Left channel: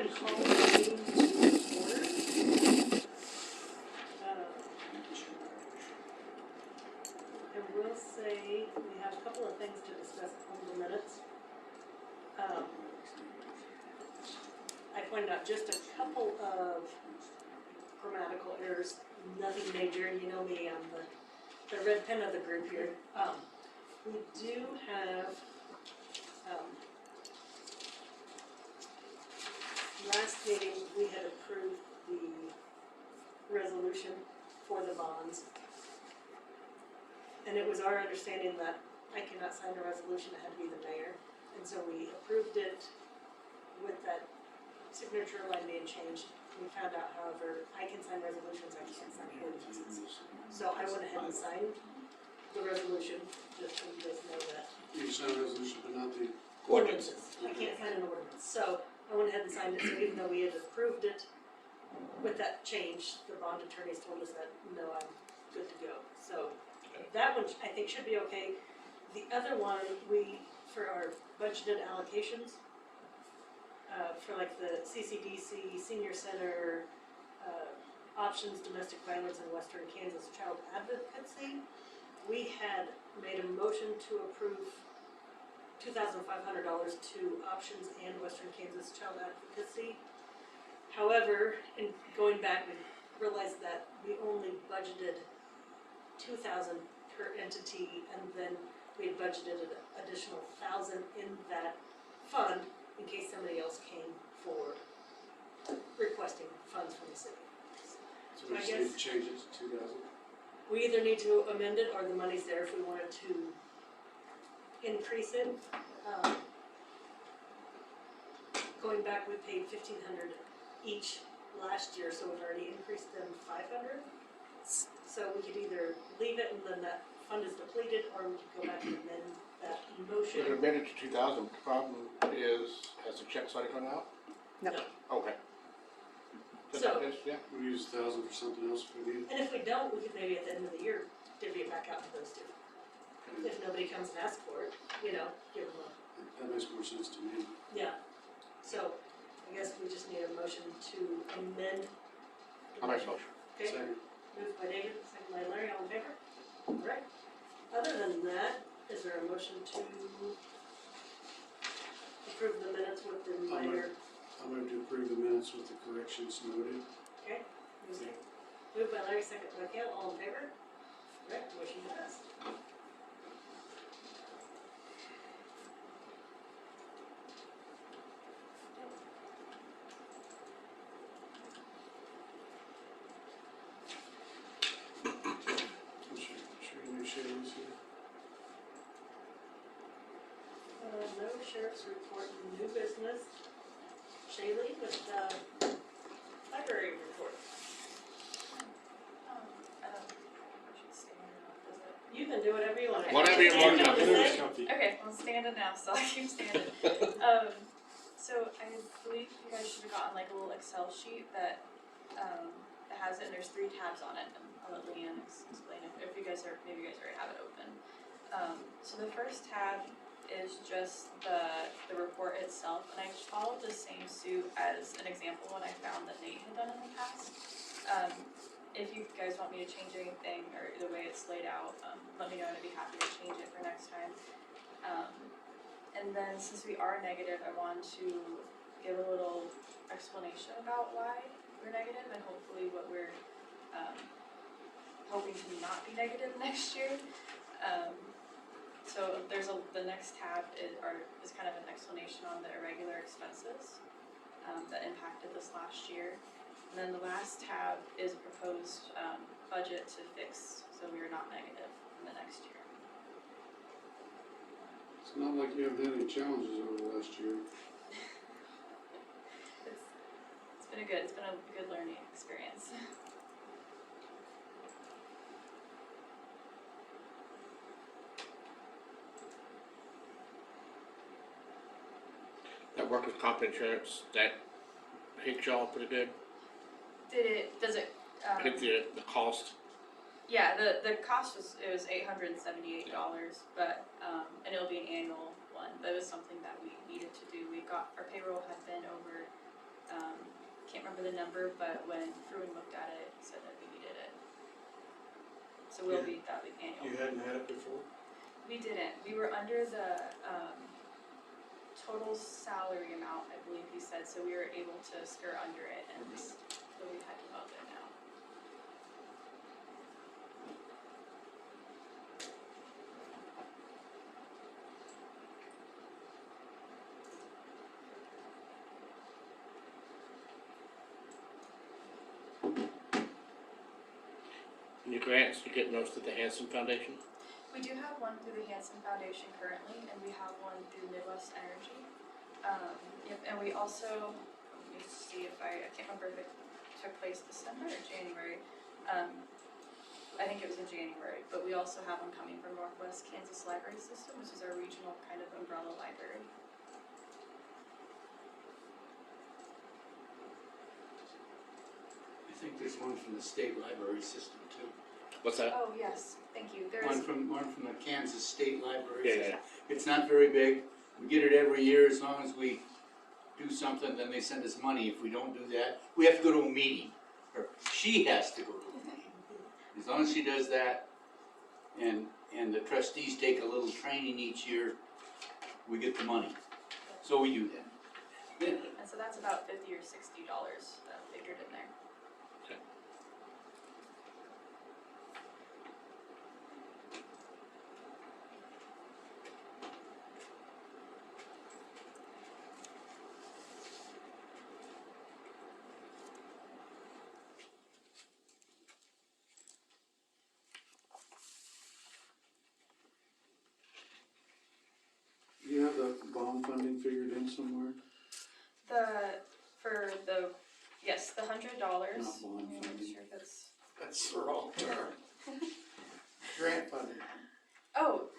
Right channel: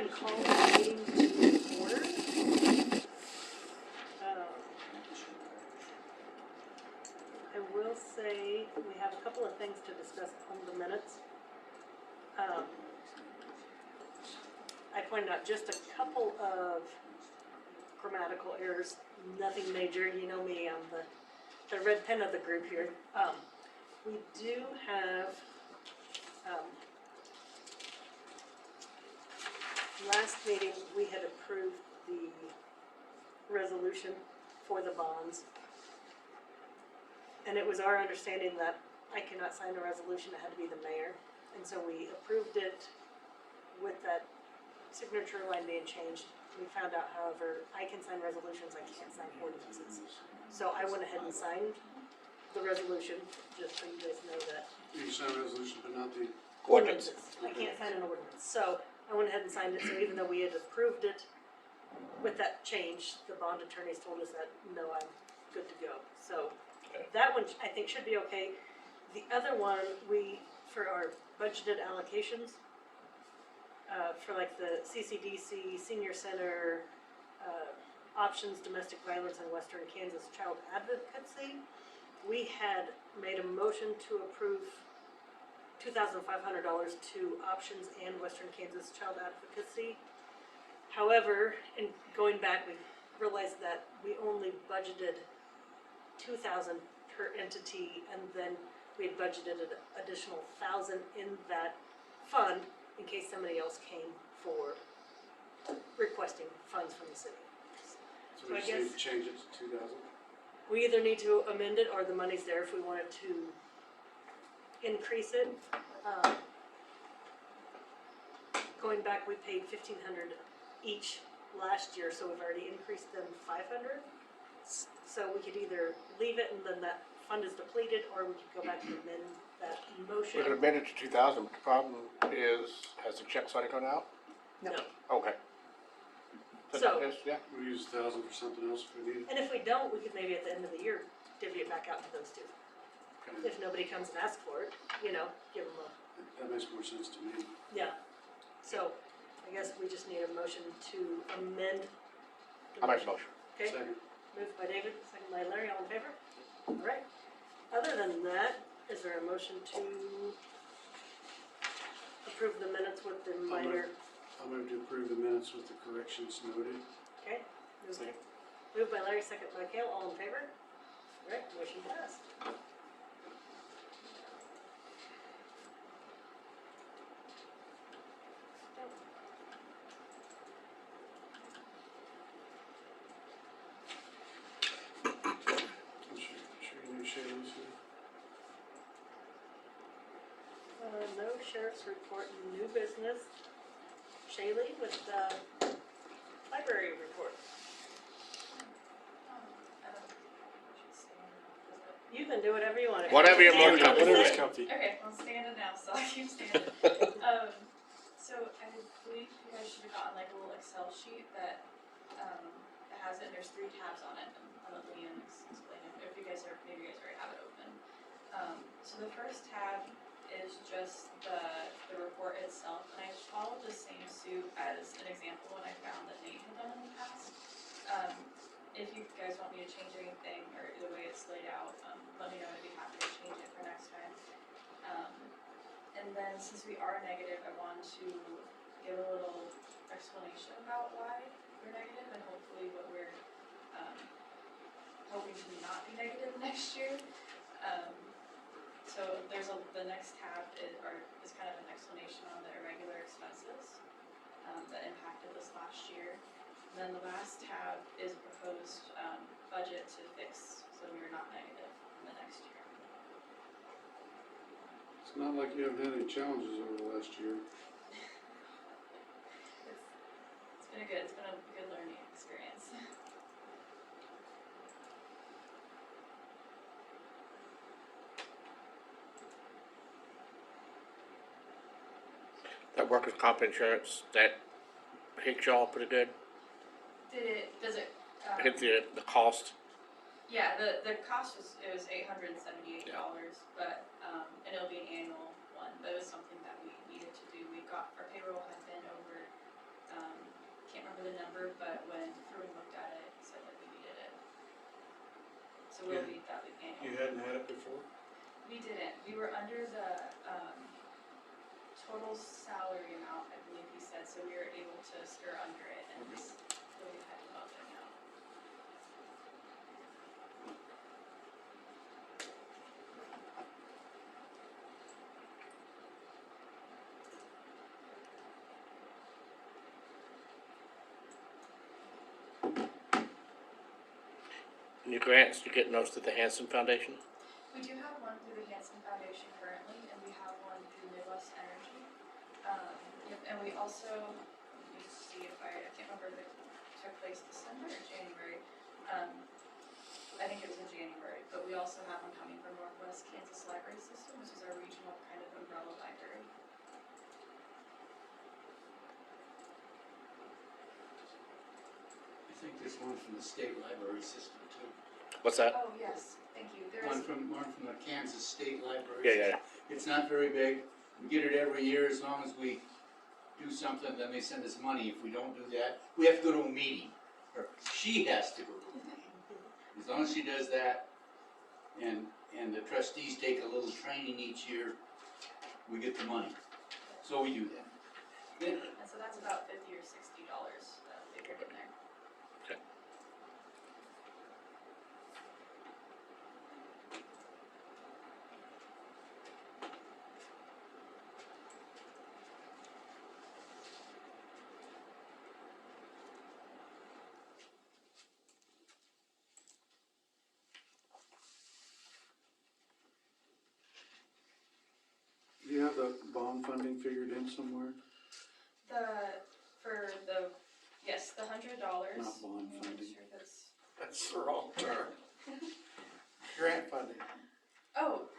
ahead and call the meeting to order. I will say we have a couple of things to discuss on the minutes. I pointed out just a couple of grammatical errors, nothing major. You know me, I'm the red pen of the group here. We do have last meeting we had approved the resolution for the bonds, and it was our understanding that I cannot sign a resolution; it had to be the mayor, and so we approved it with that signature line being changed. We found out, however, I can sign resolutions, I can't sign ordinances. So I went ahead and signed the resolution, just so you guys know that. You can sign a resolution, but not the Ordinances. I can't sign an ordinance. So I went ahead and signed it, so even though we had approved it with that change, the bond attorneys told us that, no, I'm good to go. So that one I think should be okay. The other one, for our budgeted allocations, for like the CCDC, Senior Center, Options, Domestic Violence, and Western Kansas Child Advocacy, we had made a motion to approve $2,500 to Options and Western Kansas Child Advocacy. However, in going back, we realized that we only budgeted $2,000 per entity, and then we had budgeted an additional $1,000 in that fund in case somebody else came for requesting funds from the city. So we just need to change it to 2,000. We either need to amend it or the money's there if we wanted to increase it. Going back, we paid $1,500 each last year, so we've already increased them $500. So we could either leave it and then that fund is depleted, or we could go back and amend that motion. We can amend it to 2,000. The problem is, has the check already gone out? No. Okay. So- Yeah. We use 1,000 for something else if we need it. And if we don't, we could maybe at the end of the year divvy it back out to those two. If nobody comes and asks for it, give them a, That makes more sense to me. yeah. So I guess we just need a motion to amend. I make a motion. Okay, Second. moved by David, second by Larry, all in favor? All right. Other than that, is there a motion to approve the minutes with the minor? I'm going to approve the minutes with the corrections noted. Okay, moved by Larry, second by Kale, all in favor? All right, motion passed. I'm sure you knew Shayla was here. No sheriff's report, new business. Shaylee with the library report. You can do whatever you want. Whatever you're more Stand on the Whatever's side. comfy. Okay, I'm standing now, so I keep standing. So I believe you guys should have gotten like a little Excel sheet that has it, and there's 3 tabs on it. I'll let Leanne explain it, if you guys are, maybe you guys already have it open. So the first tab is just the report itself, and I followed the same suit as an example when I found that Nate had done in the past. If you guys want me to change anything or the way it's laid out, let me know, and I'd be happy to change it for next time. And then since we are negative, I want to give a little explanation about why we're negative and hopefully what we're hoping to not be negative next year. So there's the next tab is kind of an explanation on the irregular expenses that impacted this last year. And then the last tab is proposed budget to fix so we are not negative in the next year. It's not like you haven't had any challenges over the last year. It's been a good learning experience. That workers' comp insurance, that hit y'all pretty good? Does it? Hit the cost? Yeah, the cost was $878, but and it'll be an annual one. That was something that we needed to do. Our payroll had been over remember the number, but when Fruin looked at it, he said that we needed it. So that'll be annual. You hadn't had it before? We didn't, we were under the, total salary amount, I believe he said, so we were able to skirt under it, and so we've had to go up there now. New grants, you get those to the Hanson Foundation? We do have one through the Hanson Foundation currently, and we have one through Midwest Energy. Yep, and we also, let me see if I can't remember if it took place December or January. I think it was in January, but we also have one coming from Northwest Kansas Library System, which is our regional kind of umbrella library. I think there's one from the state library system too. What's that? Oh, yes, thank you. One from the Kansas State Library. Yeah. It's not very big. We get it every year as long as we do something, then they send us money. If we don't do that, we have to go to a meeting. Or she has to go to a meeting. As long as she does that, and the trustees take a little training each year, we get the money. So we do that. And so that's about $50 or $60 figured in there. Do you have the bond funding figured in somewhere? Yes, the $100. Not bond Let me funding. make sure that's, That's the wrong term. Grant funding. oh,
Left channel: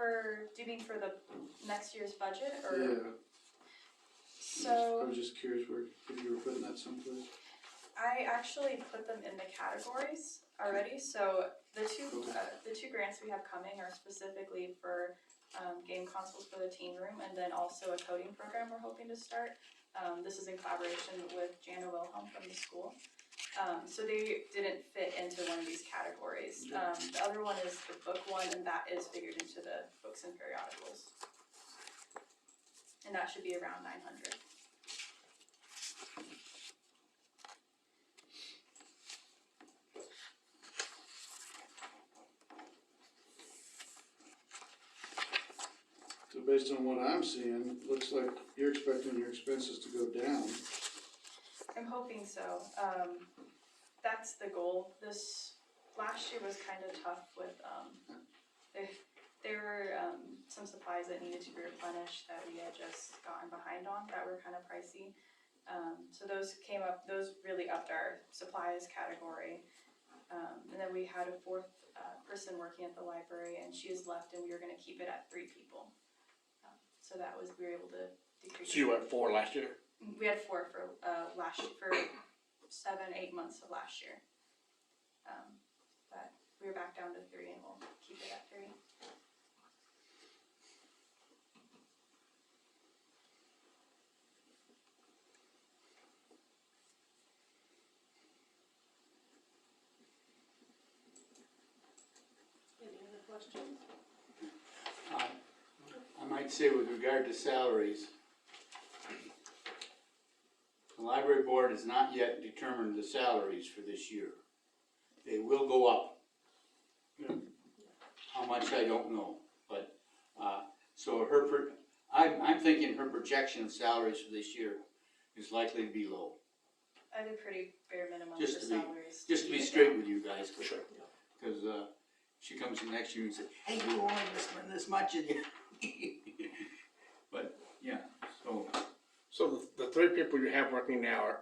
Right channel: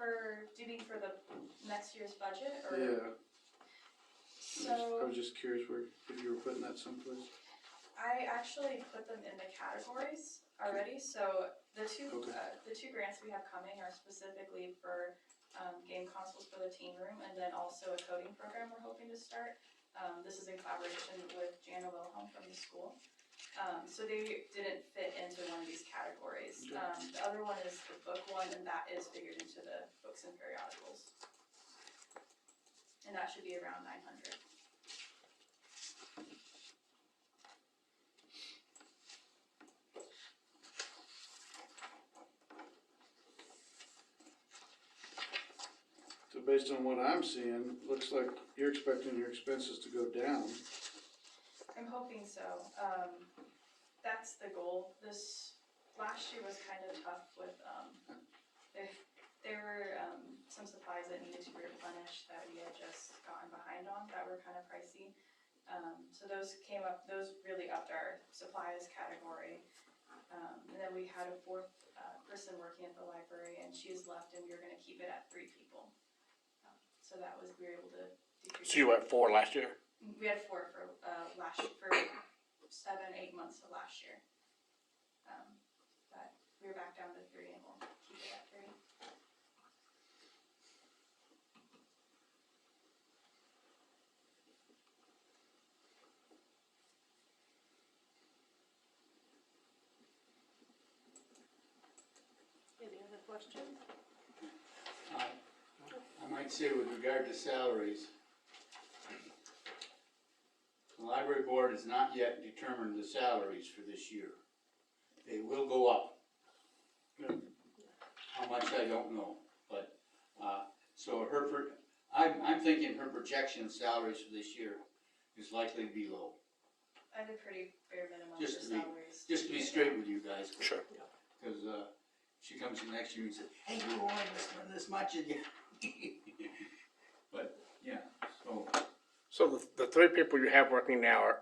do you mean for the next year's budget, or? Yeah. I So, was just curious if you were putting that someplace. I actually put them in the categories already, so the two grants we have coming are specifically for game consoles for the teen room, and then also a coding program we're hoping to start. This is in collaboration with Jana Wilhelm from the school. So they didn't fit into one of these categories. The other one is the book one, and that is figured into the books and periodicals. And that should be around 900. So based on what I'm seeing, looks like you're expecting your expenses to go down. I'm hoping so. That's the goal. This last year was kind of tough with, there were some supplies that needed to be replenished that we had just gotten behind on that were kind of pricey. So those really upped our supplies category. And then we had a fourth person working at the library, and she has left, and we were gonna keep it at 3 people. So we were able to decrease. So you were at 4 last year? We had 4 for last year, for 7-8 months of last year. But we were back down to 3, and we'll keep it at 3. Any other questions? I might say with regard to salaries, the library board has not yet determined the salaries for this year. They will go up. Yeah. How much, I don't know, but, so I'm thinking her projection of salaries for this year is likely to be low. I had a pretty bare minimum for Just to be- salaries. Just to be straight with you guys. Sure. Because, she comes in next year and says, hey, you were only gonna spend this much in you. But, yeah, so, So the 3 people you have working now are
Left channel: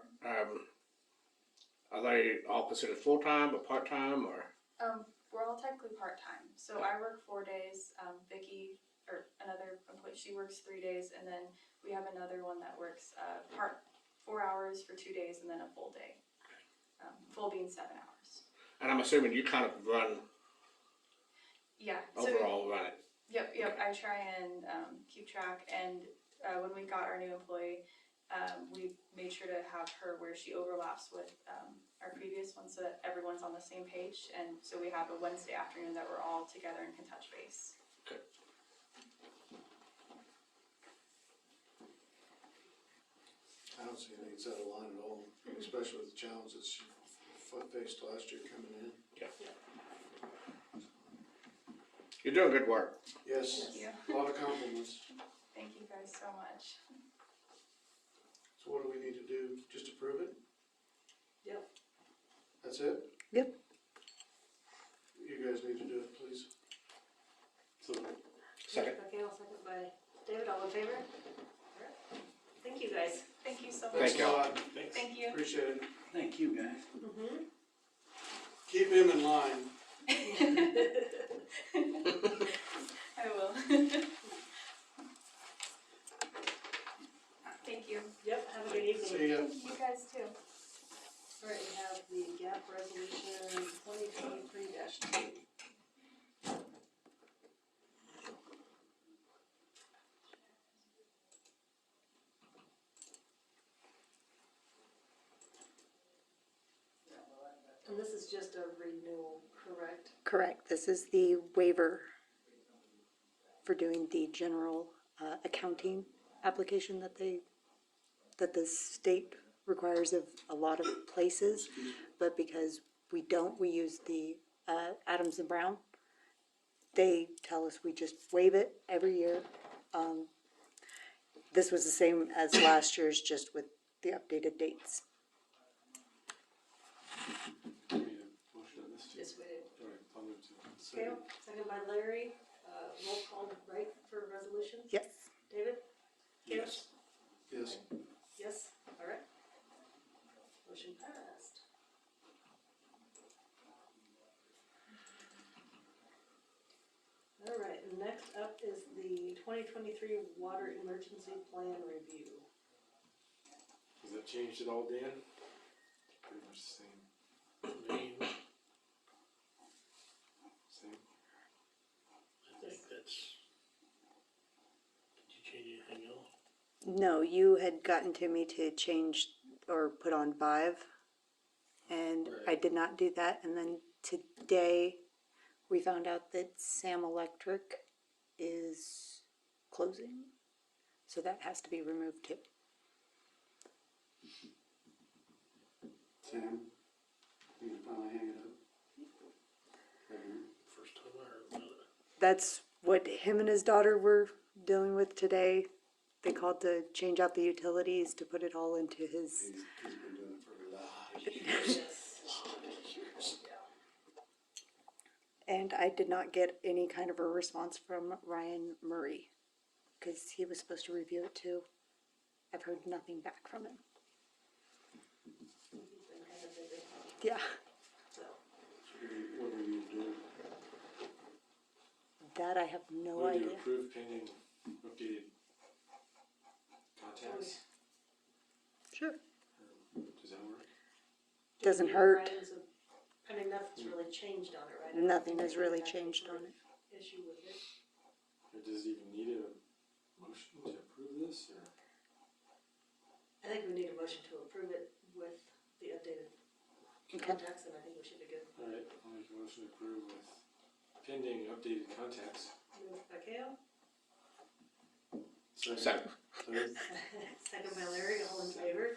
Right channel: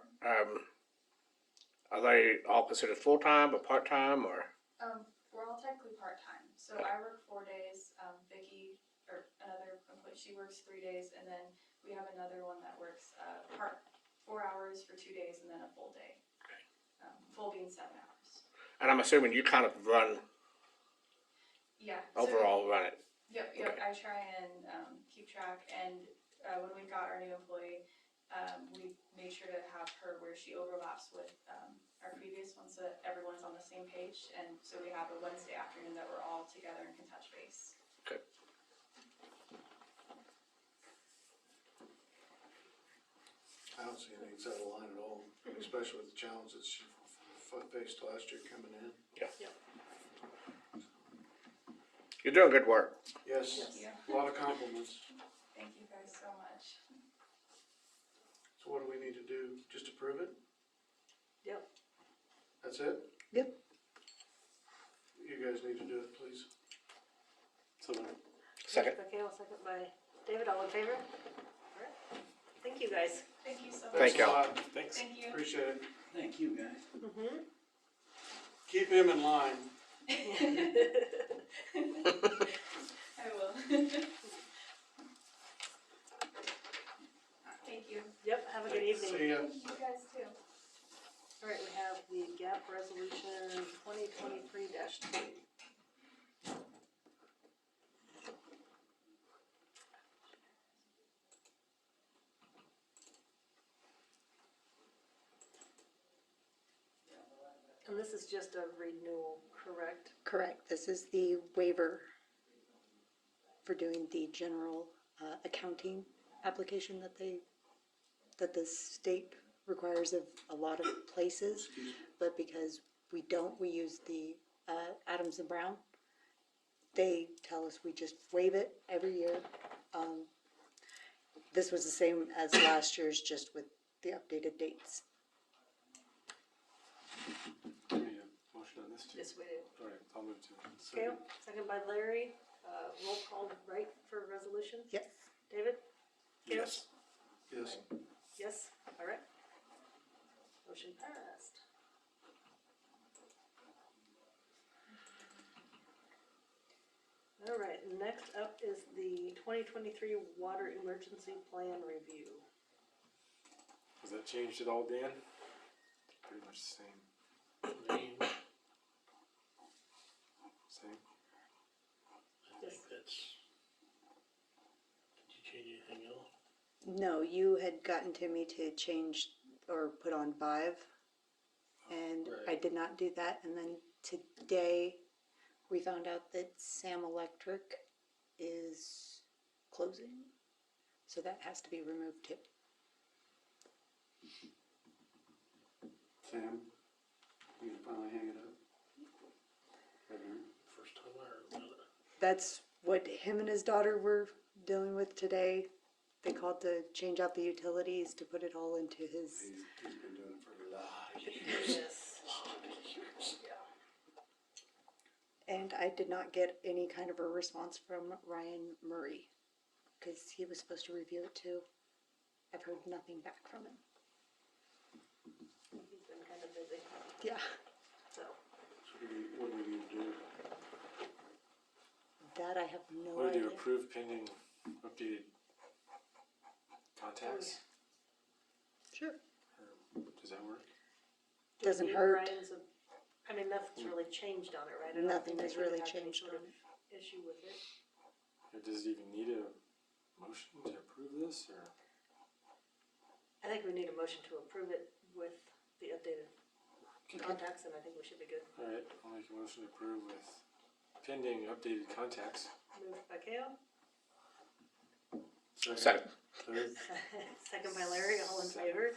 they all considered full-time or part-time or? We're all technically part-time. So I work 4 days, Vicky, or another employee, she works 3 days, and then we have another one that works, 4 hours for 2 days and then a full day. Full being 7 hours. And I'm assuming you kind of Yeah. So, overall run it. Yep, I try and keep track, and when we got our new employee, we made made sure to have her where she overlaps with, our previous one so that everyone's on the same page. And so we have a Wednesday afternoon that we're all together and can touch base. I don't see anything that's out of line at all, especially with the challenges she faced last year coming in. You're doing good work. Yes, Thank you. a lot of compliments. Thank you guys so much. So what do we need to do? Just approve it? Yep. That's it? Yep. You guys need to do it, please. Second. Okay, I'll second by David, all in favor? Alright. Thank you, guys. Thank you so Thank much. you. Thanks a lot. Thank you. Appreciate it. Thank you, guys. Mm-hmm. Keep him in line. I will. Thank you. Yep, have a good evening. See ya. You guys too. Alright, we have the GAP resolution 2023-2. And this is just a renewal, correct? Correct. This is the waiver for doing the general accounting application that the state requires of a lot of places. But because we don't, we use the Adams and Brown. They tell us we just waive it every year. This was the same as last year's, just with the updated dates. Motion on this too? Yes, we did. Alright, I'll move to. Gail, second by Larry, roll call, right, for resolution? Yes. David? Gail? Yes. Yes, alright. Motion passed. Alright, next up is the 2023 Water Emergency Plan Review. Has that changed at all, Dan? Pretty much the same. Same? I think that's, did you change anything else? No, you had gotten to me to change or put on 5, and I Right. did not do that. And then today, we found out that Sam Electric is closing, so that has to be removed too. Sam, you can finally hang it up. First time I heard about it. That's what him and his daughter were dealing with today. They called to change out the utilities to put it all into his. He's been doing it for a lot of years. Yes. And I did not get any kind of a response from Ryan Murray, because he was supposed to review it too. I've heard nothing back from him. He's been kind of busy, Yeah, so. So what do we need to do? that I have no What do you idea. approve pending updated contacts? Sure. Or does that work? Doesn't Yeah, hurt. Ryan's I mean, nothing's really changed on it, right? I don't Nothing think has we really have any changed sort on of it. Issue with it. Or does it even need a motion to approve this, or? I think we need a motion to approve it with the updated contacts, and I think we should be good. Alright, I'll make a motion to approve with pending updated contacts. Moved by Kale, Second. Third, second by Larry, all in favor?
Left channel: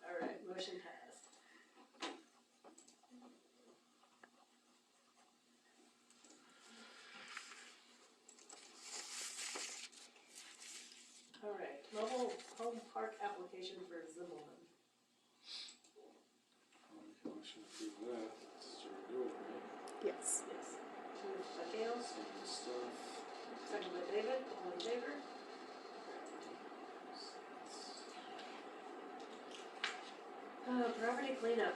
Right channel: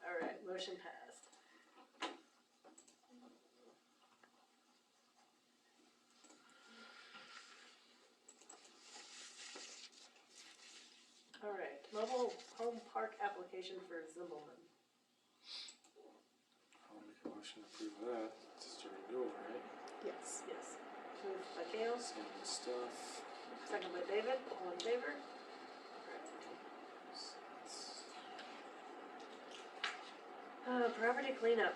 Alright, motion passed. Alright, mobile home park application for Zimmelman. I'll make a motion to approve that, it's just a renewal, right? Yes. Yes. Moved by Kale, Same stuff. second by David, all in favor? Property cleanup.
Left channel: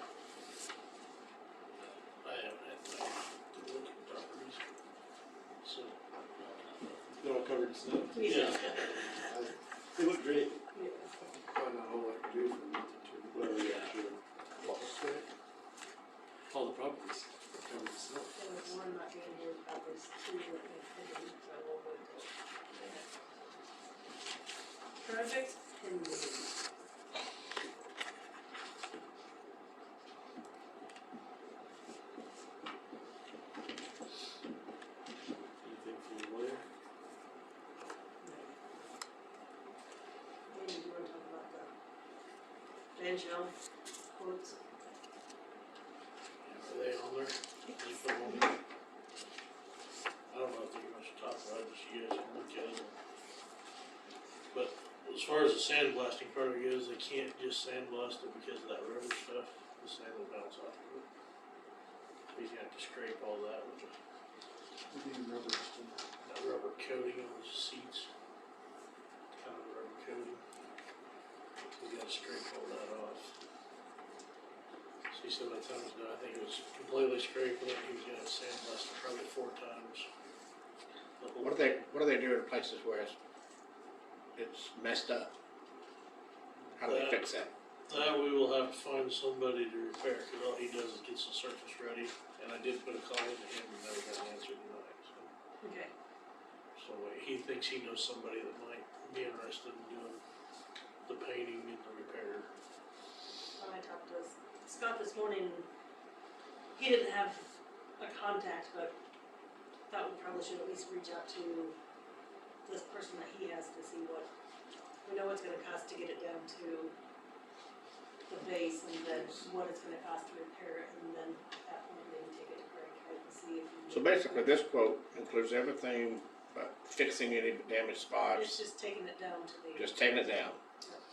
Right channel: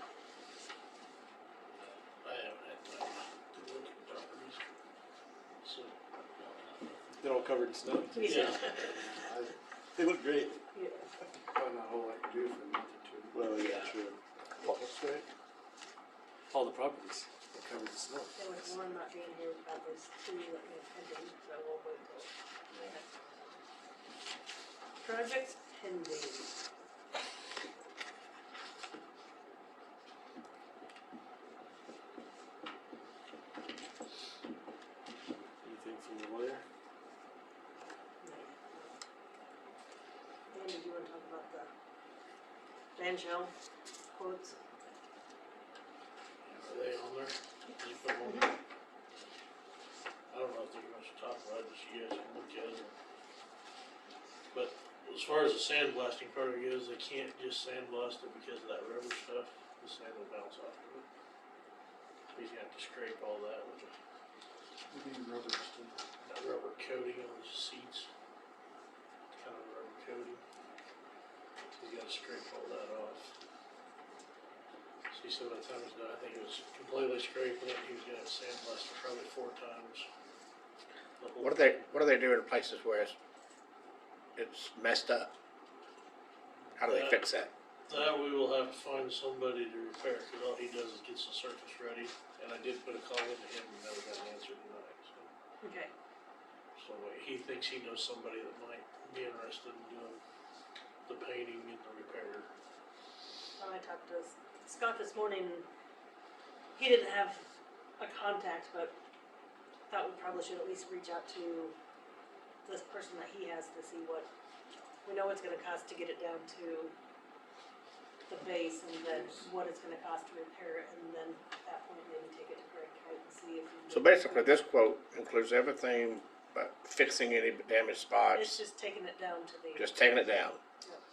I haven't had time to look at properties. So, They're all covered in snow. Yeah. They look great. Yeah. Probably not a whole lot to do for a month or two. Well, yeah, true. What's that? All the properties are covered in snow. There was one not being here about this too, I think, so we'll wait till. Project pending. Van Shell quotes. Are they on there? Did you put them on there? I don't know if there's much to talk about, just you guys can look at it. But as far as the sandblasting part goes, they can't just sandblast it because of that rubber stuff, the sand will bounce off of it. He's gonna have to scrape all that with that rubber coating on the seats. Kind of a rubber coating. He's gotta scrape all that off. So he said by the time he's done, I think it was completely scraping it, he was gonna sandblast it probably 4 times. The whole- What do they do in places where it's messed up? How do they fix that? That we will have to find somebody to repair, cause all he does is gets the surface ready, and I did put a call into him and never got an answer tonight, so. Okay. So he thinks he knows somebody that might be interested in doing the painting and the repair. I talked to Scott this morning, he didn't have a contact, but thought we probably should at least reach out to this person that he has to see what, we know it's gonna cost to get it down to the base, and then what it's gonna cost to repair it, and then at that point, maybe take it to Greg Kite and see if. he So can- basically, this quote includes everything but fixing any damaged It's spots, just taking it down to the. just taking it down.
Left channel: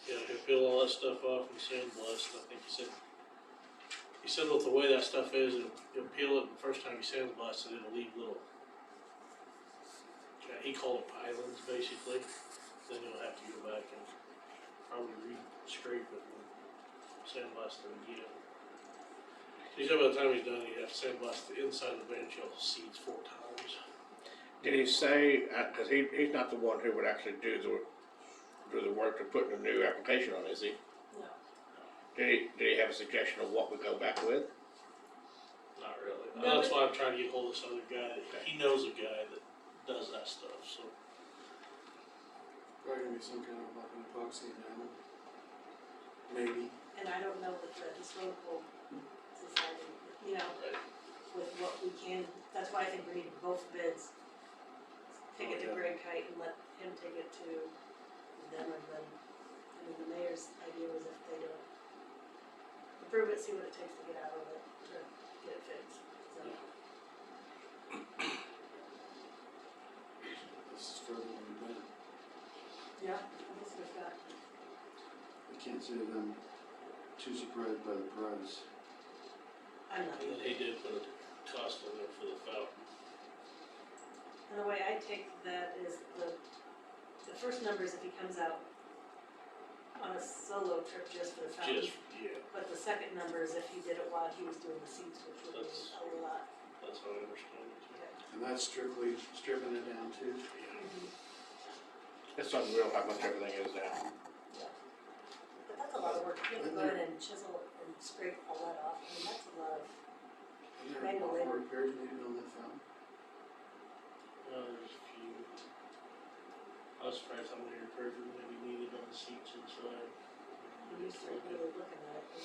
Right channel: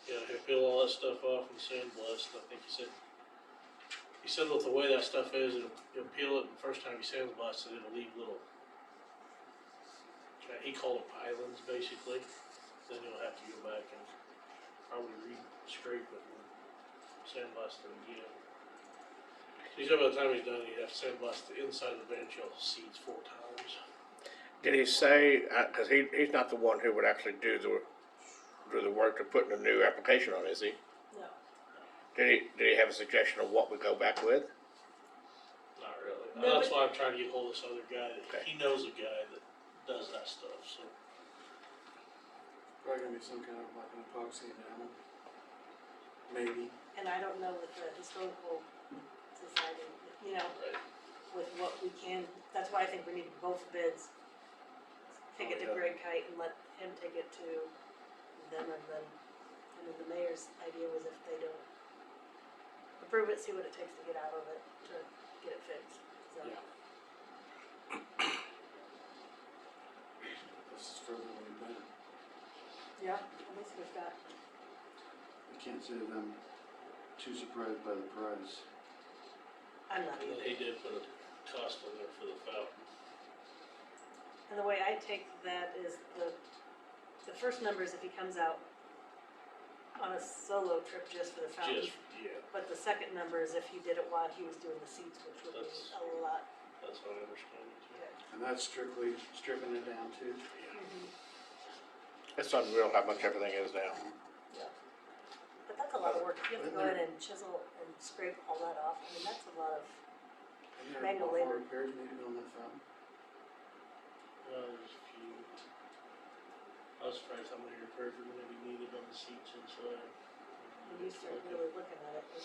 Yeah, he'll peel all that stuff off and sandblast, I think he said with the way that stuff is, he'll peel it, and the first time he sandblasts it, it'll leave little, he called it pilings basically, then he'll have to go back and probably re-scrape it and sandblast it again. So he said by the time he's done, he'd have to sandblast the inside of the Van Shell seats 4 times. Did he say, cause he's not the one who would actually do the work to put in a new application on, is he? No, Did he have a suggestion of what we go back with? Not really. No, That's but- why I'm trying to get hold of this other guy, that he knows a guy that does that stuff, so. Probably gonna be some kind of like an epoxy enamel. Maybe. and I don't know with the historical society, you know, with what we can, that's why I think we need both bids. Take it to Oh, yeah. Greg Kite and let him take it to them, and then, I mean, the mayor's idea was if they don't approve it, see what it takes to get out of it, to get it fixed, so. Yeah. This is further than we planned. Yeah, at least we've got, I can't say that I'm too surprised by the price. I'm not And either. he did put a cost on there for the fountain. And the way I take that is the first number is if he comes out on a solo trip just for the fountain. Just, yeah, But the second number is if he did it while he was doing the seats, which would be That's- a lot. that's how I understand it too. And that's strictly stripping it down too. It's unreal how much everything is now. But that's a lot of work, you have to go in and chisel and scrape all that off, I mean, that's a lot of, Isn't there Manual more labor. repairs needed on that fountain? There's a few. I was surprised how many repairs were gonna be needed on the seats inside. when you start really looking at it,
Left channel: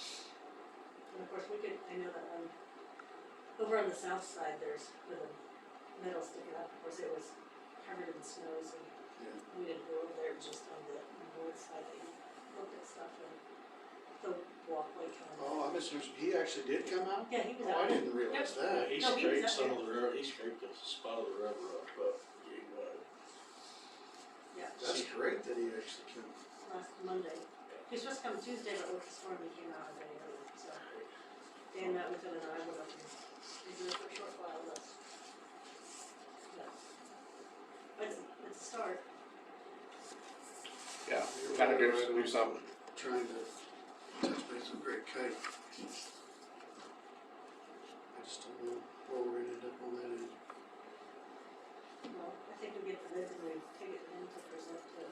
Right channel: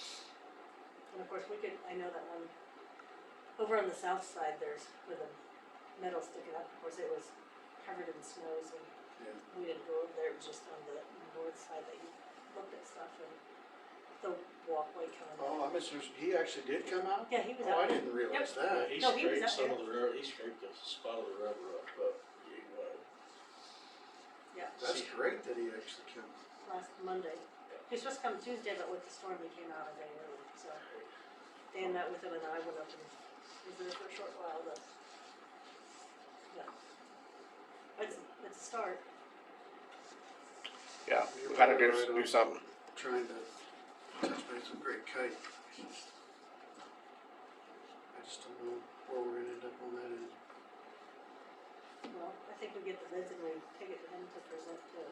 and of course, we could, I know that one, over on the south side, there's, where the metal sticking up, of course, it was covered in snow, so Yeah. we didn't go over there, just on the north side that you looked at stuff and the walkway coming up. Oh, I misunderstood. He actually did come out? Yeah, he was Oh, I out. didn't realize Yeah, that. he No, he was scraped up some there. of the rubber, he scraped a spot of the rubber off, but, Yeah, That's great that he actually came. last Monday. He was supposed to come Tuesday, but with the storm, he came out a day early, so. Dan met with him and I went up and was there for a short while, but. Yeah. It's a start. Yeah, we gotta do something. Trying to touch base with Greg Kite. I just don't know where we're gonna end up on that end. Well, I think we get the bids and we take it to him to present to,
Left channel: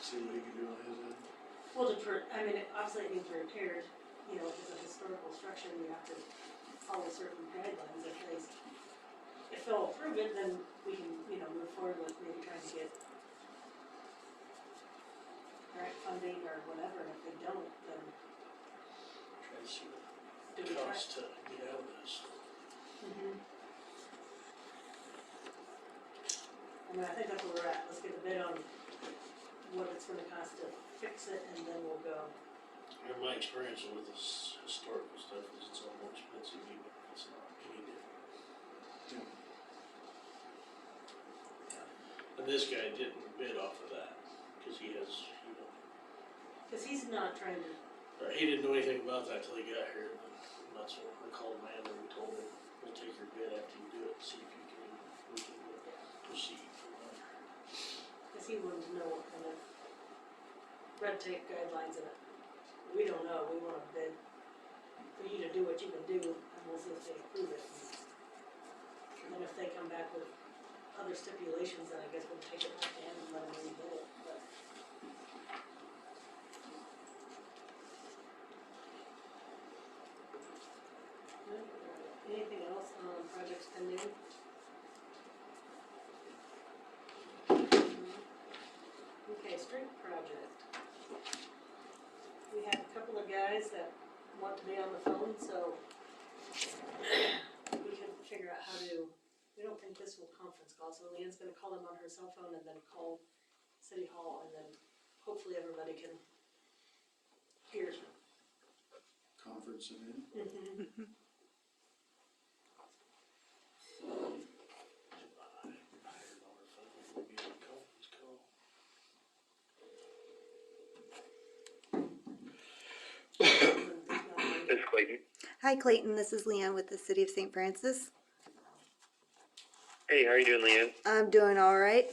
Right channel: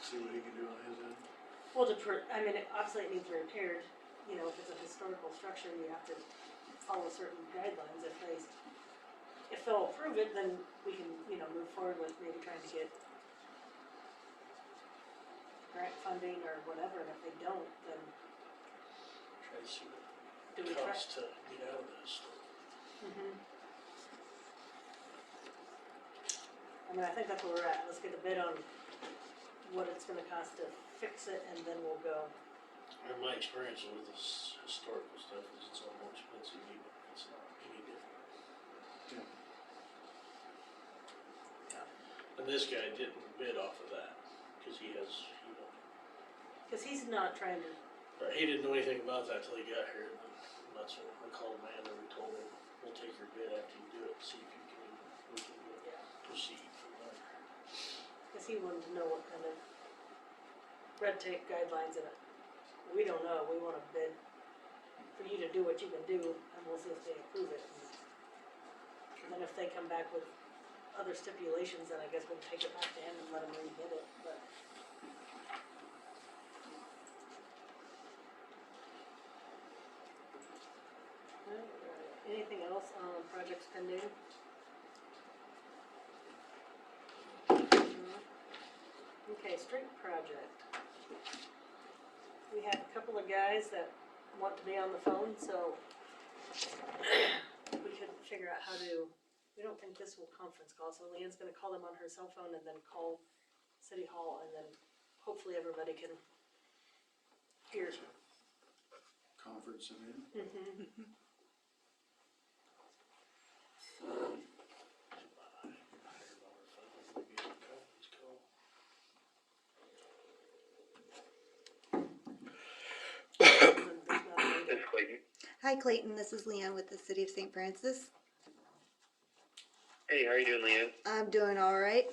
See what he can do on his end. well, I mean, obviously it needs repaired, you know, if it's a historical structure, you have to follow certain guidelines. If they'll approve it, then we can, you know, move forward with maybe trying to get grant funding or whatever, and if they don't, then try to see what do we it try? costs to get out of this. Mhm. I mean, I think that's where we're at, let's get a bid on what it's gonna cost to fix it, and then we'll go. In my experience with this historical stuff, is it's all more expensive, even if it's not any different. And this guy didn't bid off of that, cause he has, you know, Cause he's not trying to, or he didn't know anything about that till he got here, and then that's when I called Amanda and we told him, we'll take your bid after you do it, see if you can, we can proceed from there. cause he wanted to know what kind of red tape guidelines in it. We don't know, we want a bid for you to do what you can do, and we'll see if they approve it. And then if they come back with other stipulations, then I guess we'll take it back to him and let him rebid it, but. Anything else on projects pending? Okay, street project. We have a couple of guys that want to be on the phone, so we could figure out how to, we don't think this will conference call, so Leanne's gonna call them on her cell phone and then call City Hall, and then hopefully everybody can hear. Conference and in. Mm-hmm. This is Clayton. Hi Clayton, this is Leanne with the City of St. Francis. Hey, how are you doing, Leanne? I'm doing all right.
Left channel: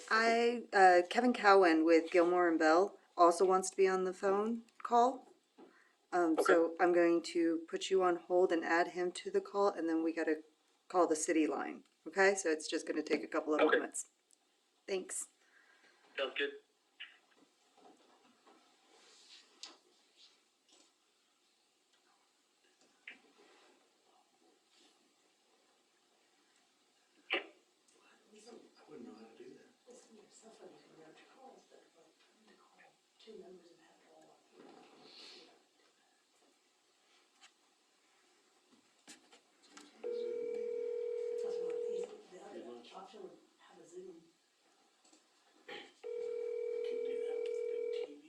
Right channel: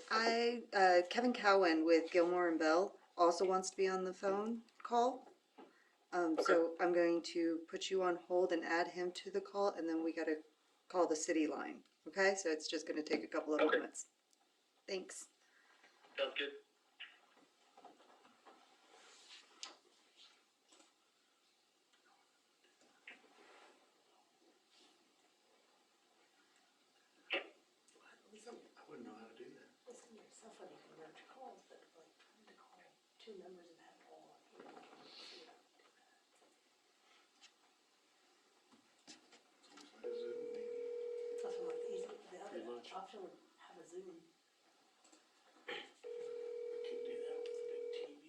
Kevin Cowan with Gilmore and Bell also wants to be on the phone call. So I'm going to put you on hold and add him to the call, and then we gotta call the city line. Okay, so it's just gonna take a couple of moments. Thanks. Sounds good. I wouldn't know how to do that. Listen, your cell phone, you can merge calls, but like trying to call two numbers and have it all on here. Nothing like easy, the other option would have a Zoom. We could do that with the big TV.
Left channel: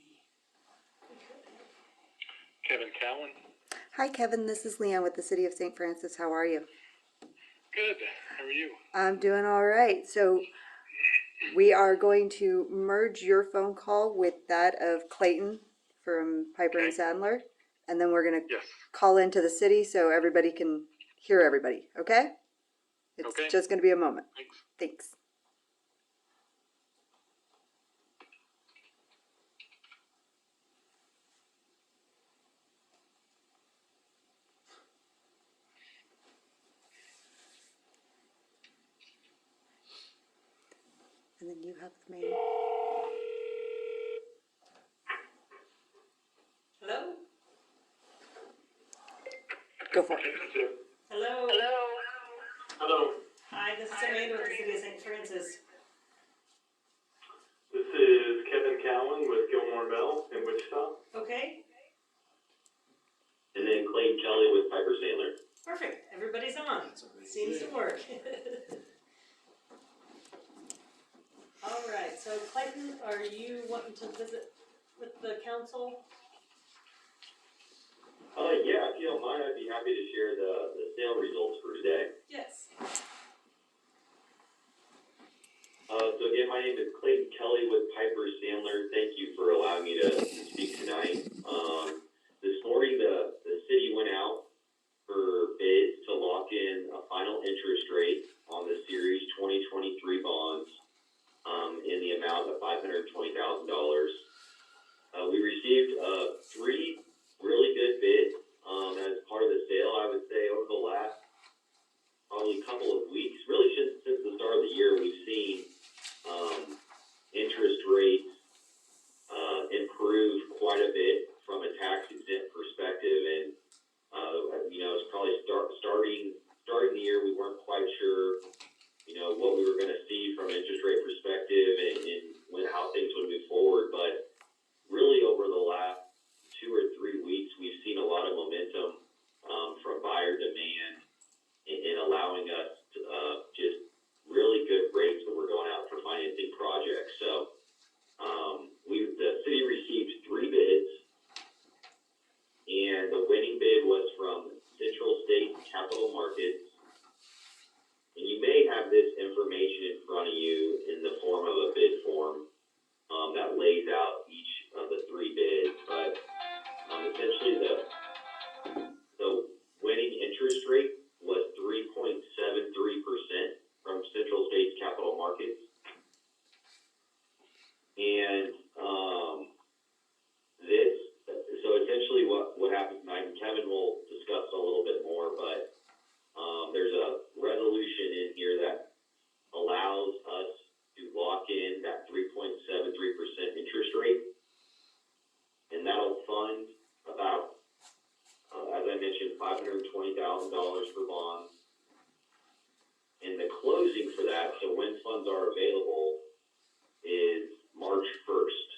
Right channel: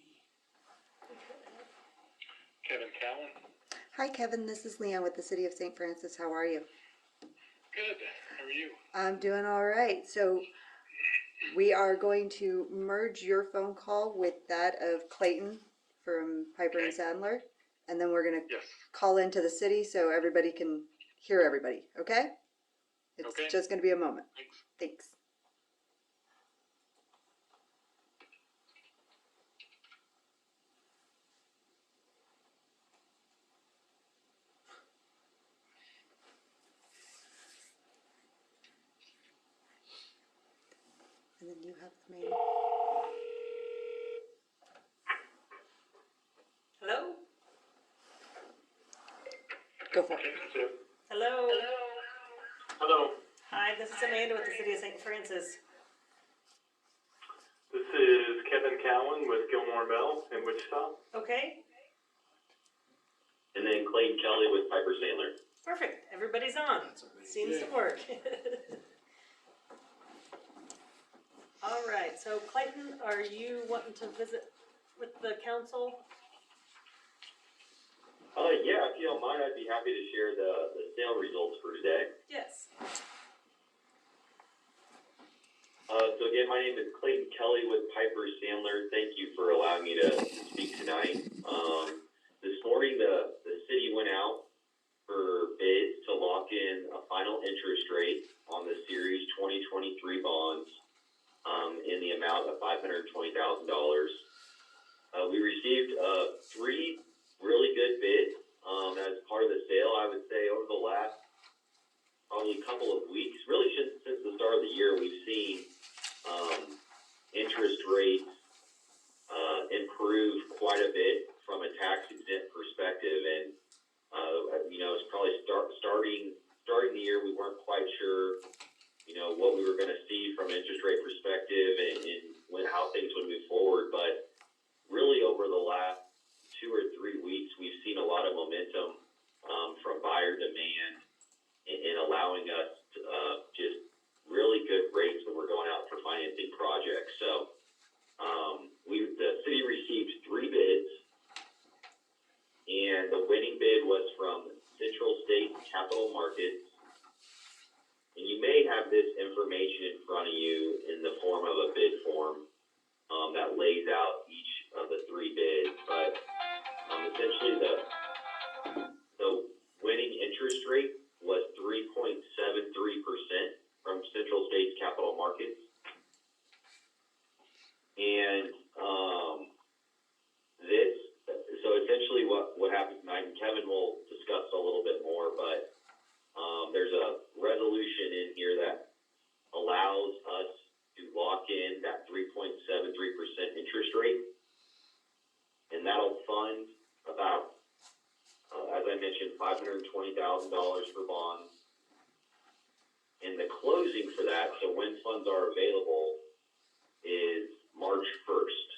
We could. Kevin Cowan. Hi Kevin, this is Leanne with the City of St. Francis. How are you? Good. How are you? I'm doing all right. So we are going to merge your phone call with that of Clayton from Piper and Sandler, and then we're gonna Yes. call into the city so everybody can hear everybody. Okay? It's Okay. just gonna be a moment. Thanks. Thanks. And then you have the main. Hello? Go for it. Hello? Hello. Hi, this is Amanda with the City of St. Francis. This is Kevin Cowan with Gilmore Bell in Wichita. Okay, And then Clayton Kelly with Piper Sandler. perfect. Everybody's on. Seems to work. All right, so Clayton, are you wanting to visit with the council? Yeah, if you don't mind, I'd be happy to share the sale results for today. Yes. So again, my name is Clayton Kelly with Piper Sandler. Thank you for allowing me to speak tonight. This morning, the city went out for bids to lock in a final interest rate on the Series 2023 bonds in the amount of $520,000. We received three really good bids as part of the sale. I would say over the last probably couple of weeks, really since the start of the year, we've seen interest rates improve quite a bit from a tax exempt perspective, and it's probably starting the year, we weren't quite sure what we were going to see from an interest rate perspective and how things would move forward. But really over the last 2 or 3 weeks, we've seen a lot of momentum from buyer demand in allowing us to, just really good rates when we're going out for financing projects. So the And, so essentially what happens tonight, and Kevin will discuss a little bit more, but, there's a resolution in here that allows us to lock in that 3.73% interest rate. And that'll fund about, as I mentioned, $520,000 for bonds. And the closing for that, so when funds are available, is March 1st.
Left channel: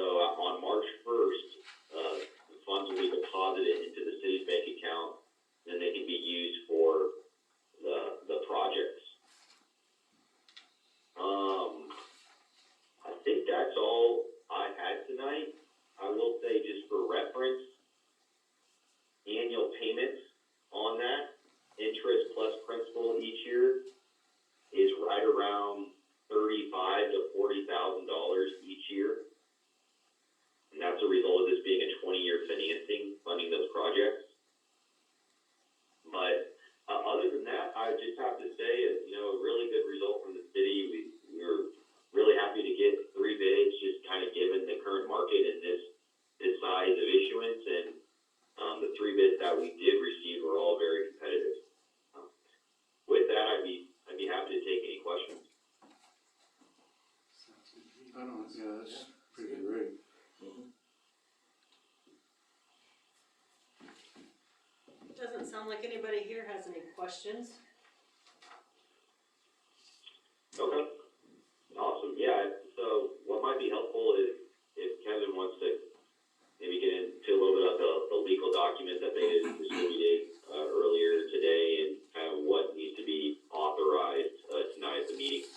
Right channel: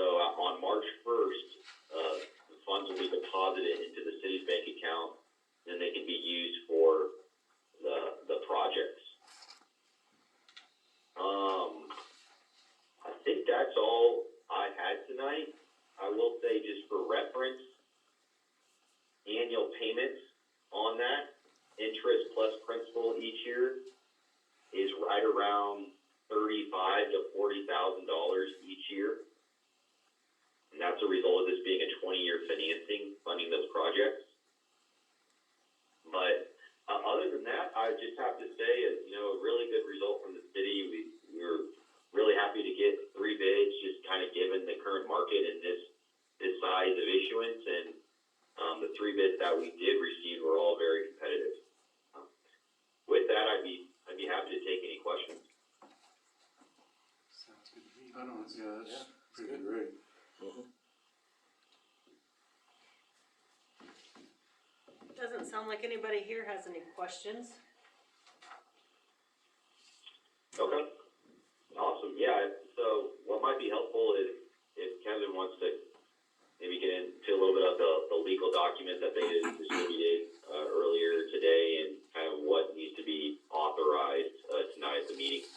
So on March 1st, the funds will be deposited into the city's bank account, and they can be used for the projects. I think that's all I had tonight. I will say, just for reference, annual payments on that, interest plus principal each year, is right around $35,000 to $40,000 each year. And that's a result of this being a 20-year financing, funding those projects. But other than that, I just have to say, a really good result from the city. We were really happy to get 3 bids, just kind of given the current market and this size of issuance. And the 3 bids that we did receive were all very competitive. With that, I'd be happy to take any questions. Sounds good to me. That's pretty great. Doesn't sound like anybody here has any questions. Okay. Awesome. Yeah, so what might be helpful is if Kevin wants to maybe get into a little bit of the legal document that they distributed earlier today and kind of what needs to be authorized tonight at the meeting.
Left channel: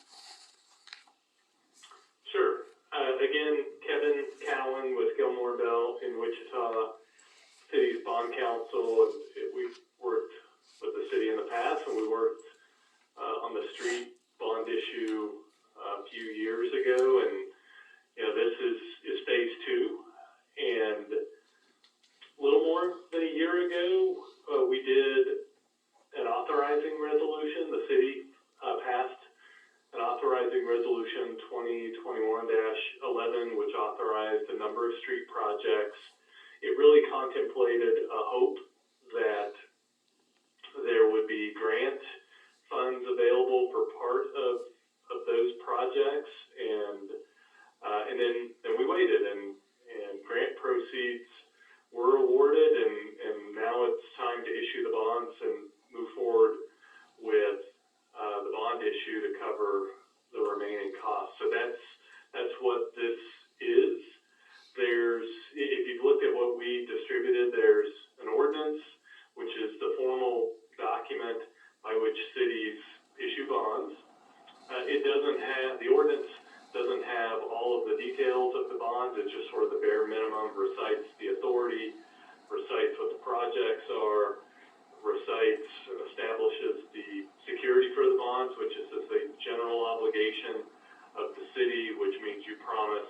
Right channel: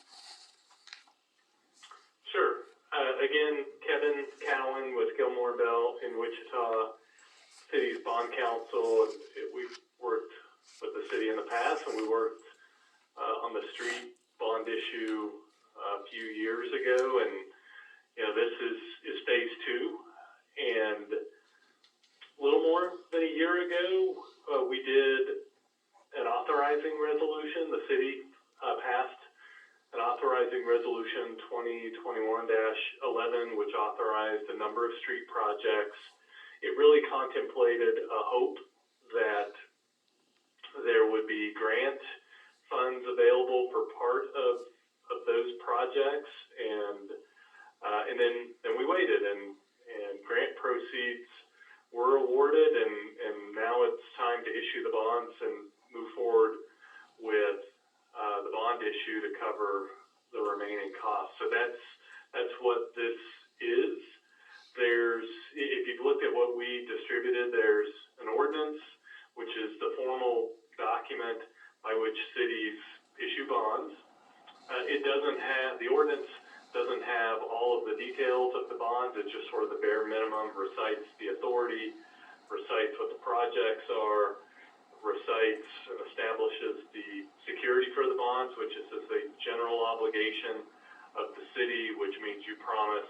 Sure. Again, Kevin Cowan with Gilmore Bell in Wichita City's Bond Council. We've worked with the city in the past, and we worked on the street bond issue a few years ago, and this is phase 2. And a little more than a year ago, we did an authorizing resolution. The city passed an authorizing resolution 2021-11, which authorized a number of street projects. It really contemplated a hope that there would be grant funds available for part of those projects, and then we waited, and grant proceeds were awarded, and now it's time to issue the bonds and move forward with the bond issue to cover the remaining costs. So that's what this is. If you've looked at what we distributed, there's an ordinance, which is the formal document by which cities issue bonds. The ordinance doesn't have all of the details of the bonds. It's just sort of the bare minimum, recites the authority, recites what the projects are, recites and establishes the security for the bonds, which is a general obligation of the city, which means you promise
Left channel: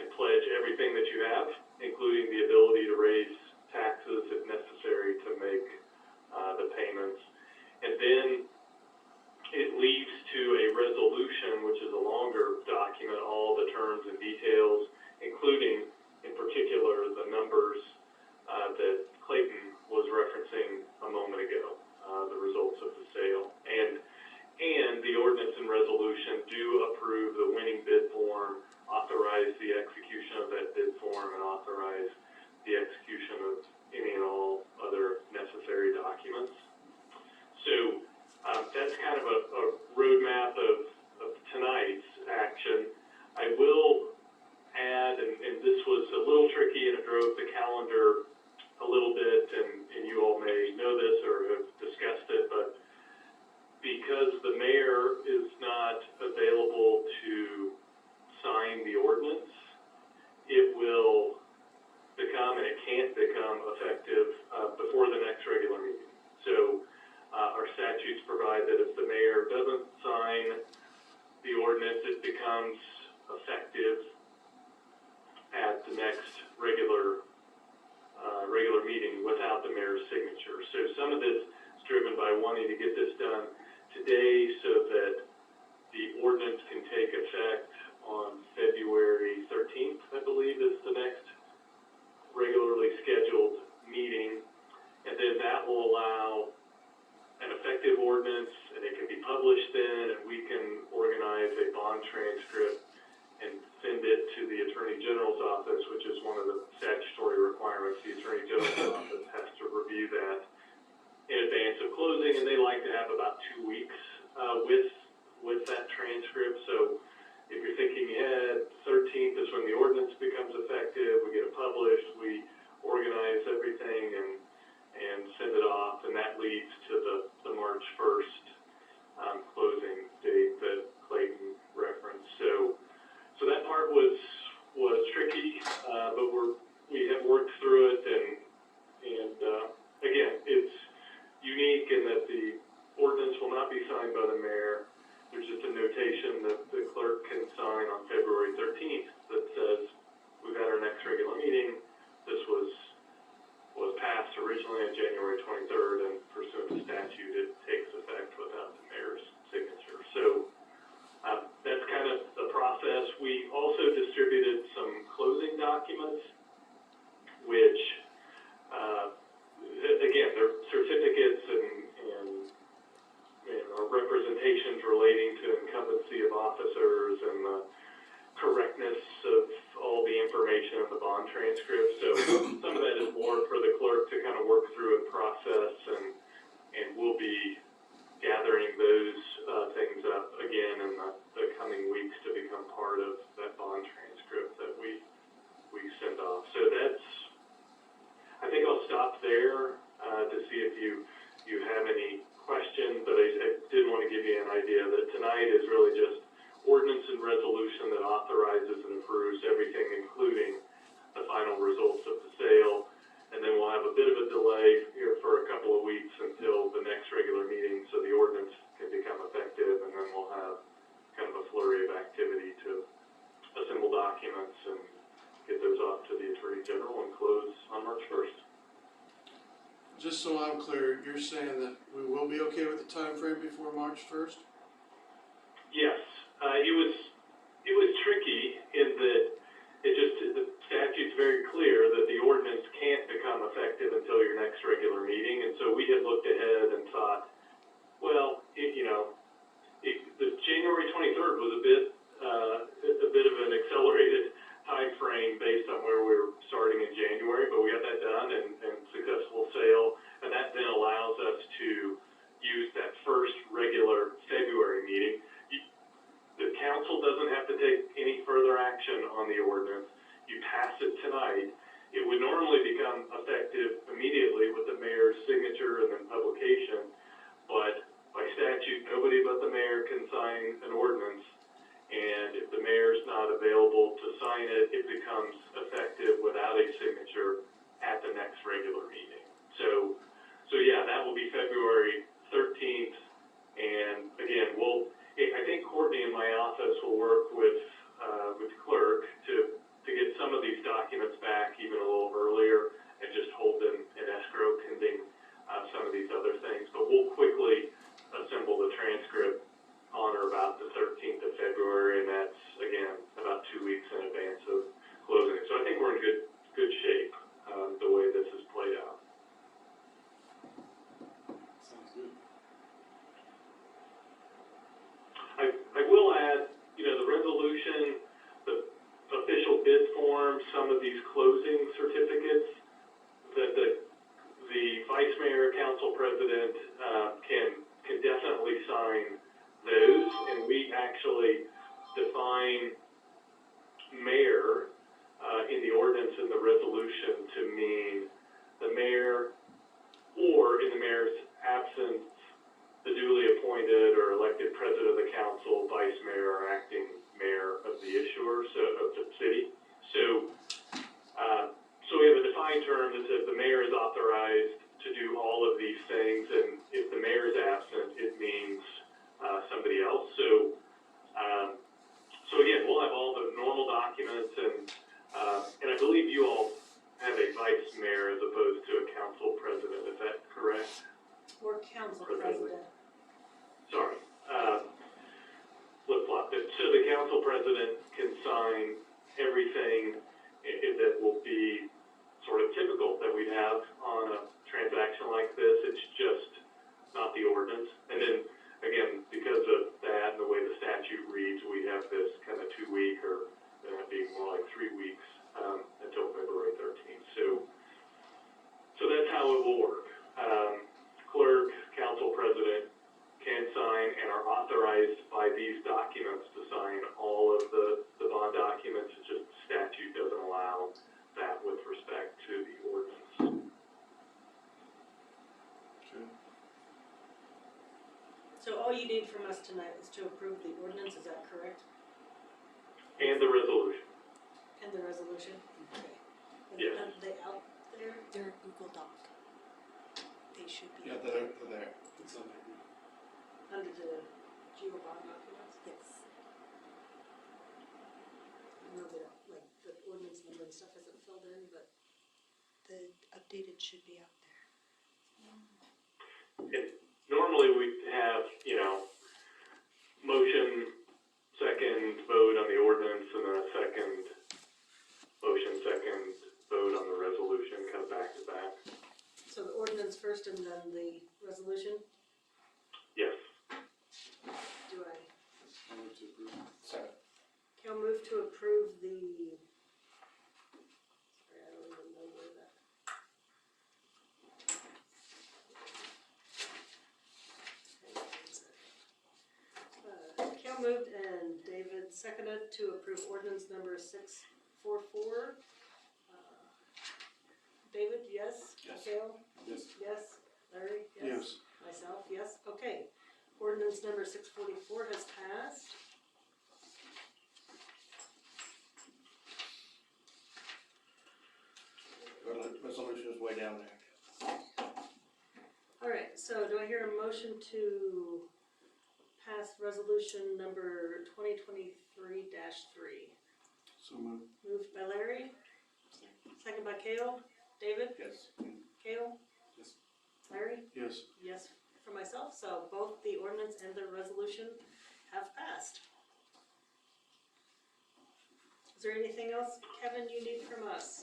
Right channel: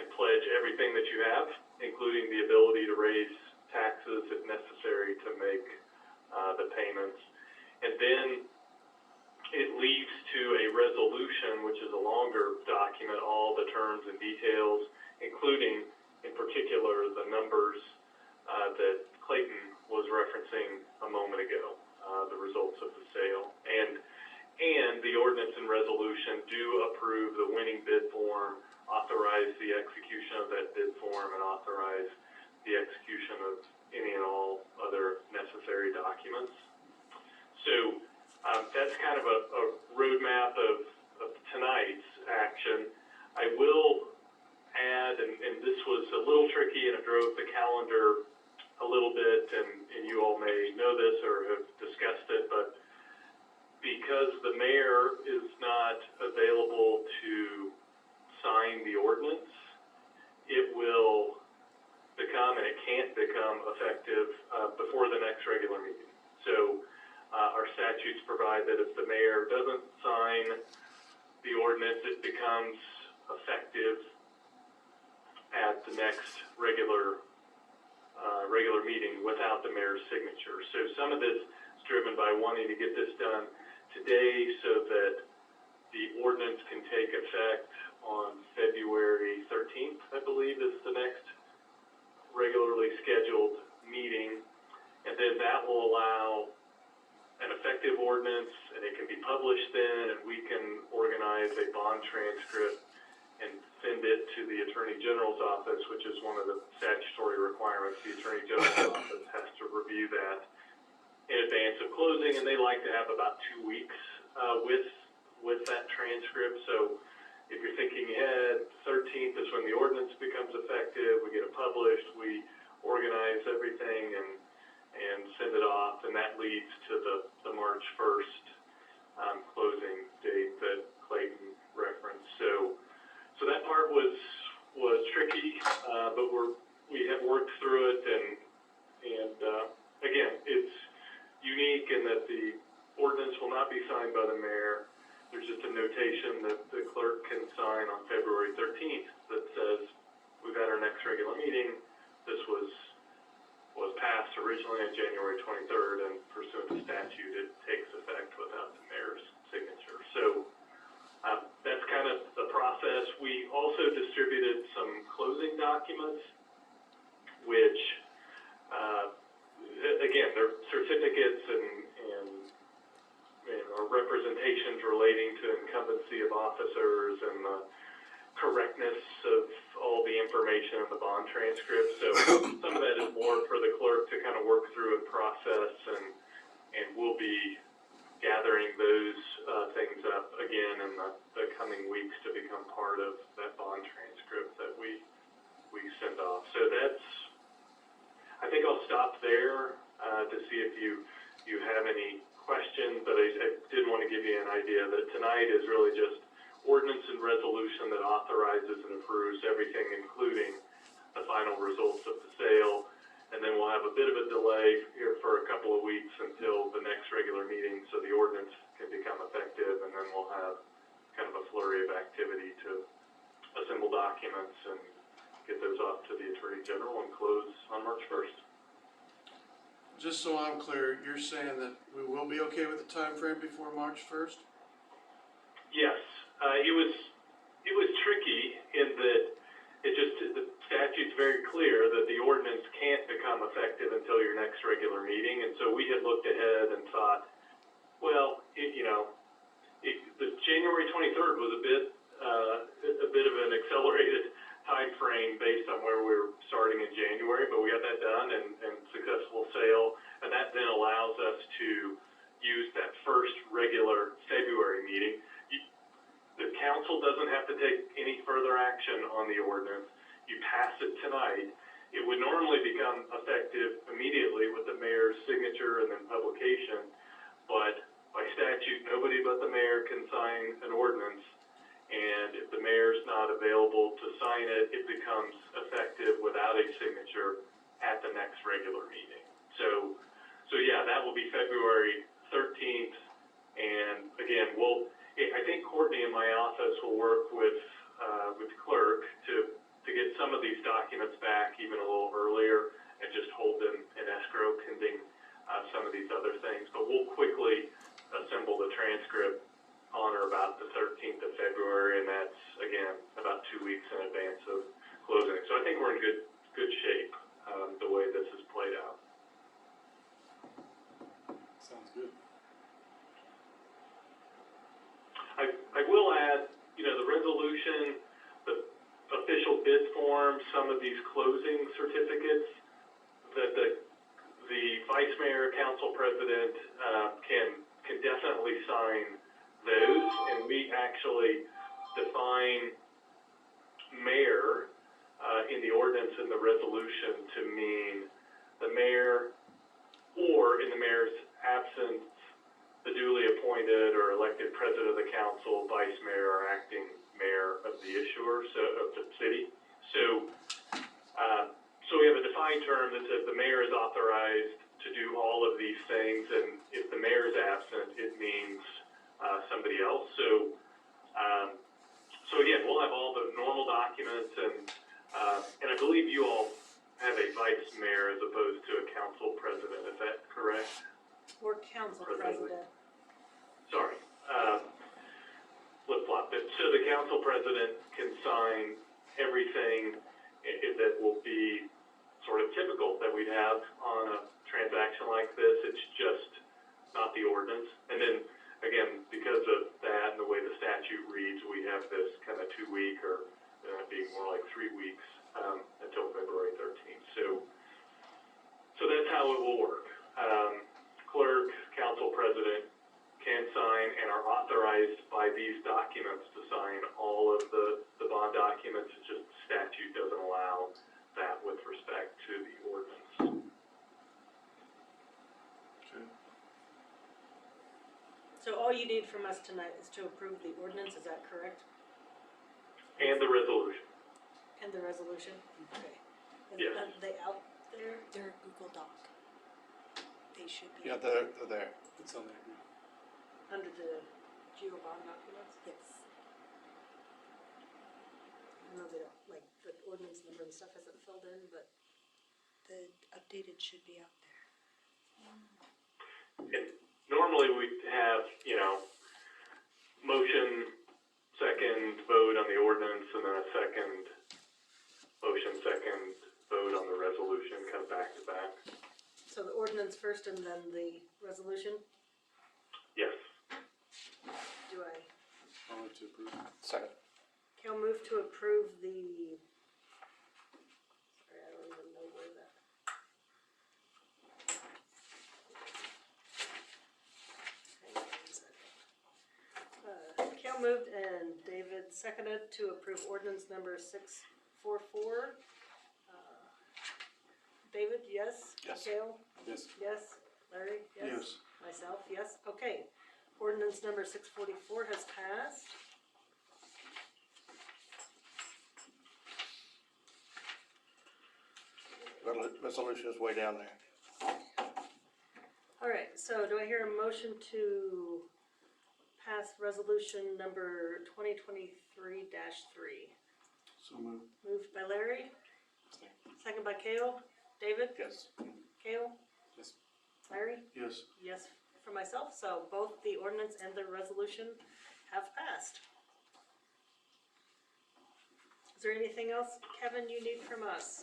and pledge everything that you have, including the ability to raise taxes if necessary to make the payments. And then it leaves to a resolution, which is a longer document, all the terms and details, including, in particular, the numbers that Clayton was referencing a moment ago, the results of the sale. And the ordinance and resolution do approve the winning bid form, authorize the execution of that bid form, and authorize the execution of any and all other necessary documents. So that's kind of a roadmap of tonight's action. I will add, and this was a little tricky and it drove the calendar a little bit, and you all may know this or have discussed it, but because the mayor is not available to sign the ordinance, it will become, and it can't become effective before the next regular meeting. So our statutes provide that if the mayor doesn't sign the ordinance, it becomes effective at the next regular meeting without the mayor's signature. So some of this is driven by wanting to get this done today so that the ordinance can take effect published then, and we can organize a bond transcript and send it to the Attorney General's office, which is one of the statutory requirements. The Attorney General's office has to review that in advance of closing, and they like to have about 2 weeks with that transcript. So if you're thinking ahead, 13th is when the ordinance becomes effective, we get it published, we organize everything and send it off, and that leads to the March 1st closing date that Clayton referenced. So that part was tricky, but we have worked through it, and again, it's unique in that the ordinance will not be signed by the mayor. There's just a notation that the clerk can sign on February 13th that says, we've had our next regular meeting. This was passed originally on January 23rd, and pursuant to statute, it takes effect without the mayor's signature. So that's kind of the process. We also distributed some closing documents, which, again, they're certificates and representations relating to incumbency of officers and the correctness of all the information in the bond transcript. So some of that is more for the clerk to kind of work through and process, and we'll be gathering those things up again in the coming weeks to become part of that bond transcript that we send off. So I think I'll stop there to see if you have any questions, but I did want to give you an idea that tonight is really just ordinance and resolution that authorizes and approves everything, including the final results of the sale. And then we'll have a bit of a delay here for a couple of weeks until the next regular meeting, so the ordinance can become effective, and then we'll have kind of a flurry of activity to assemble documents and get those off to the Attorney General and close on March 1st. Just so I'm clear, you're saying that we will be okay with the time frame before March 1st? Yes, it was tricky in that the statute's very clear that the ordinance can't become effective until your next regular meeting, and so we had looked ahead and thought, well, the January 23rd was a bit of an accelerated time frame based on where we were starting in January, but we got that done and successful sale, and that then allows us to use that first regular February meeting. The council doesn't have to take any further action on the ordinance. You pass it tonight. It would normally become effective immediately with the mayor's signature and then publication, but by statute, nobody but the mayor can sign an ordinance. And if the mayor's not available to sign it, it becomes effective without a signature at the next regular meeting. So yeah, that will be February 13th. And again, I think Courtney in my office will work with clerk to get some of these documents back even a little earlier and just hold them in escrow pending some of these other things. But we'll quickly assemble the transcript on or about the 13th of February, and that's, again, about 2 weeks in advance of closing. So I think we're in good shape the way this is played out. Sounds good. I will add, the resolution, the official bid form, some of these closing certificates that the vice mayor, council president can definitely sign those, and we actually define mayor in the ordinance and the resolution to mean the mayor, or in the mayor's absence, the duly appointed or elected president of the council, vice mayor, or acting mayor of the issuer, so of the city. So we have a defined term that says the mayor is authorized to do all of these things, and if the mayor is absent, it means somebody else. So again, we'll have all the normal documents, and I believe you all have a vice mayor as opposed to a council president. Is that correct? Or council president. Sorry, flip-flop it. So the council president can sign everything that will be sort of typical that we'd have on a transaction like this. It's just not the ordinance. And then again, because of that and the way the statute reads, we have this kind of 2 week or being more like 3 weeks until February 13th. So that's how it will work. Clerk, council president can sign and are authorized by these documents to sign all of the bond documents. It's just statute doesn't allow that with respect to the ordinance. So all you need from us tonight is to approve the ordinance, is that correct? And the resolution. And the resolution? Okay. Yes. Are they out there? They're a Google Doc. They should be. Yeah, they're there. It's on there. Under the Geo bond documents? Yes. I know they don't, like, the ordinance number and stuff hasn't filled in, but The updated should be out there. And normally we have, motion, second vote on the ordinance, and then a second motion, second vote on the resolution, kind of back to back. so the ordinance first and then the resolution, Yes. do I? I'll move to approve. Second. Cal move to approve the, sorry, I don't even know where that. Hang on one second. Cal moved and David seconded to approve ordinance number 644. David, yes? Yes. Cal? Yes. Yes? Larry? Yes. Myself, yes, okay. Ordinance number 644 has passed. Resolution is way down there. All right, so do I hear a motion to pass resolution number 2023-3? So moved. Moved by Larry, second by Cale. David? Yes. Cale? Yes. Larry? Yes. Yes, for myself, so both the ordinance and the resolution have passed. Is there anything else, Kevin, you need from us?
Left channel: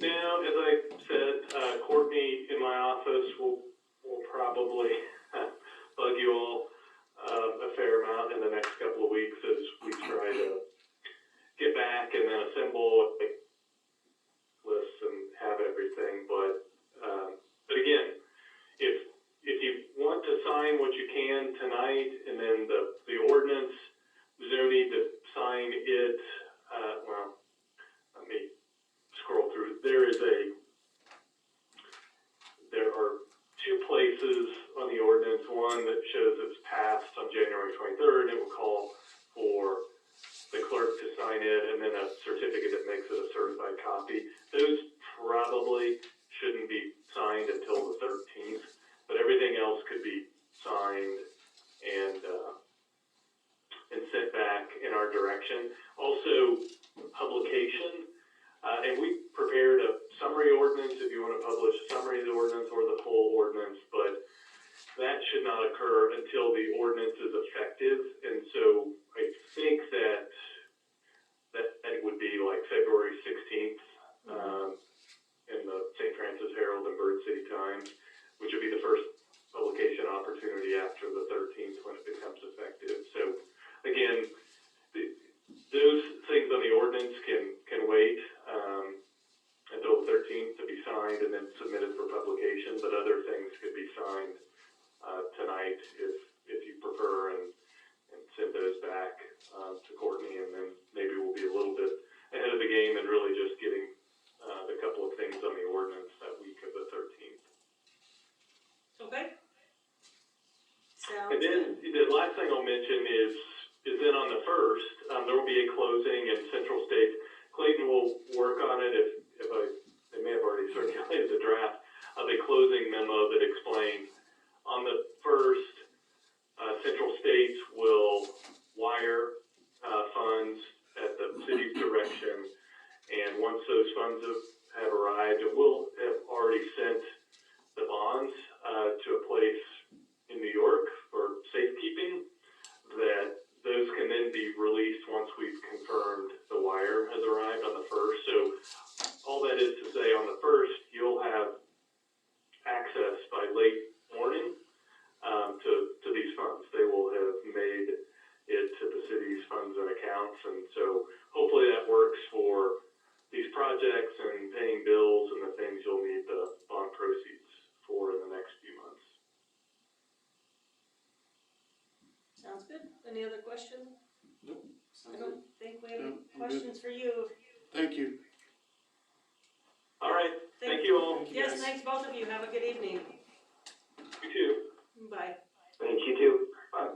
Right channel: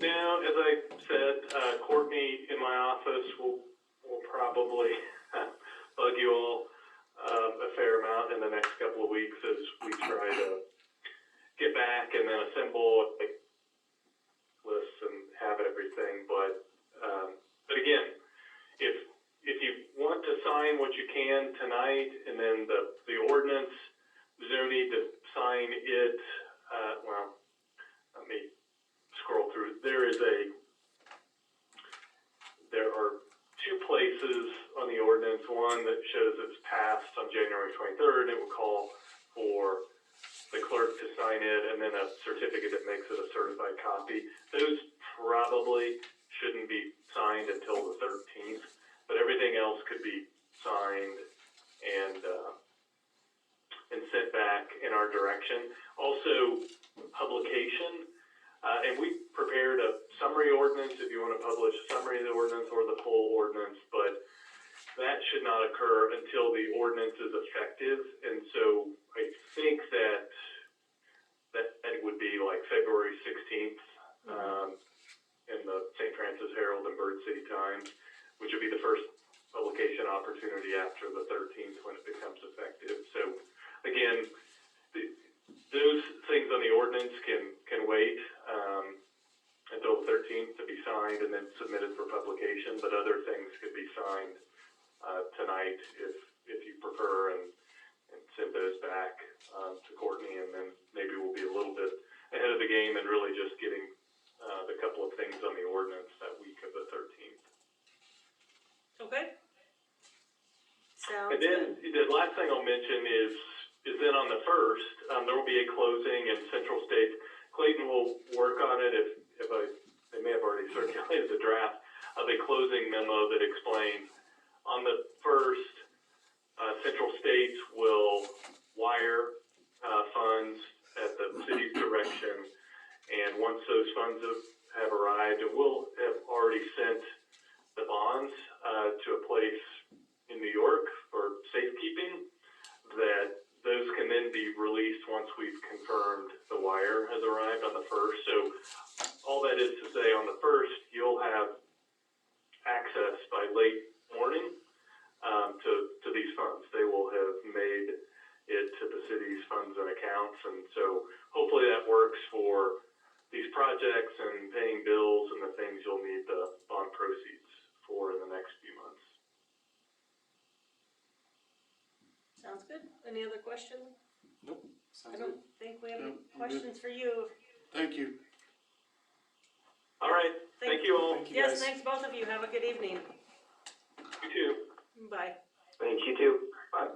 Now, as I said, Courtney in my office will probably bug you all a fair amount in the next couple of weeks as we try to get back and then assemble lists and have everything. But again, if you want to sign what you can tonight, and then the ordinance, there's no need to sign it. Well, let me scroll through. There are two places on the ordinance. One that shows it's passed on January 23rd. It will call for the clerk to sign it, and then a certificate that makes it a certified copy. Those probably shouldn't be signed until the 13th, but everything else could be signed and sent back in our direction. Also, publication. And we prepared a summary ordinance if you want to publish a summary of the ordinance or the full ordinance, but that should not occur until the ordinance is effective. And so I think that it would be like February 16th in the St. Francis Herald and Bird City Times, which would be the first publication opportunity after the 13th when it becomes effective. So again, those things on the ordinance can wait until the 13th to be signed and then submitted for publication, but other things could be signed tonight if you prefer, and send those back to Courtney, and then maybe we'll be a little bit ahead of the game and really just getting the couple of things on the ordinance that week of the 13th. Okay. Sounds And then good. the last thing I'll mention is then on the 1st, there will be a closing in Central States. Clayton will work on it they may have already circulated the draft of a closing memo that explains on the 1st, Central States will wire funds at the city's direction, and once those funds have arrived, it will have already sent the bonds to a place in New York for safekeeping, that those can then be released once we've confirmed the wire has arrived on the 1st. So all that is to say, on the 1st, you'll have access by late morning to the So hopefully that works for these projects and paying bills and the things you'll need the bond proceeds for in the next few months. Sounds good. Any other questions? Nope, I sounds don't good. think we have any No, I'm good. questions for you. Thank you. All right, thank you all. Thank you, Yes, guys. thanks both of you. Have a good evening. You too. Bye. Thank you too. Bye.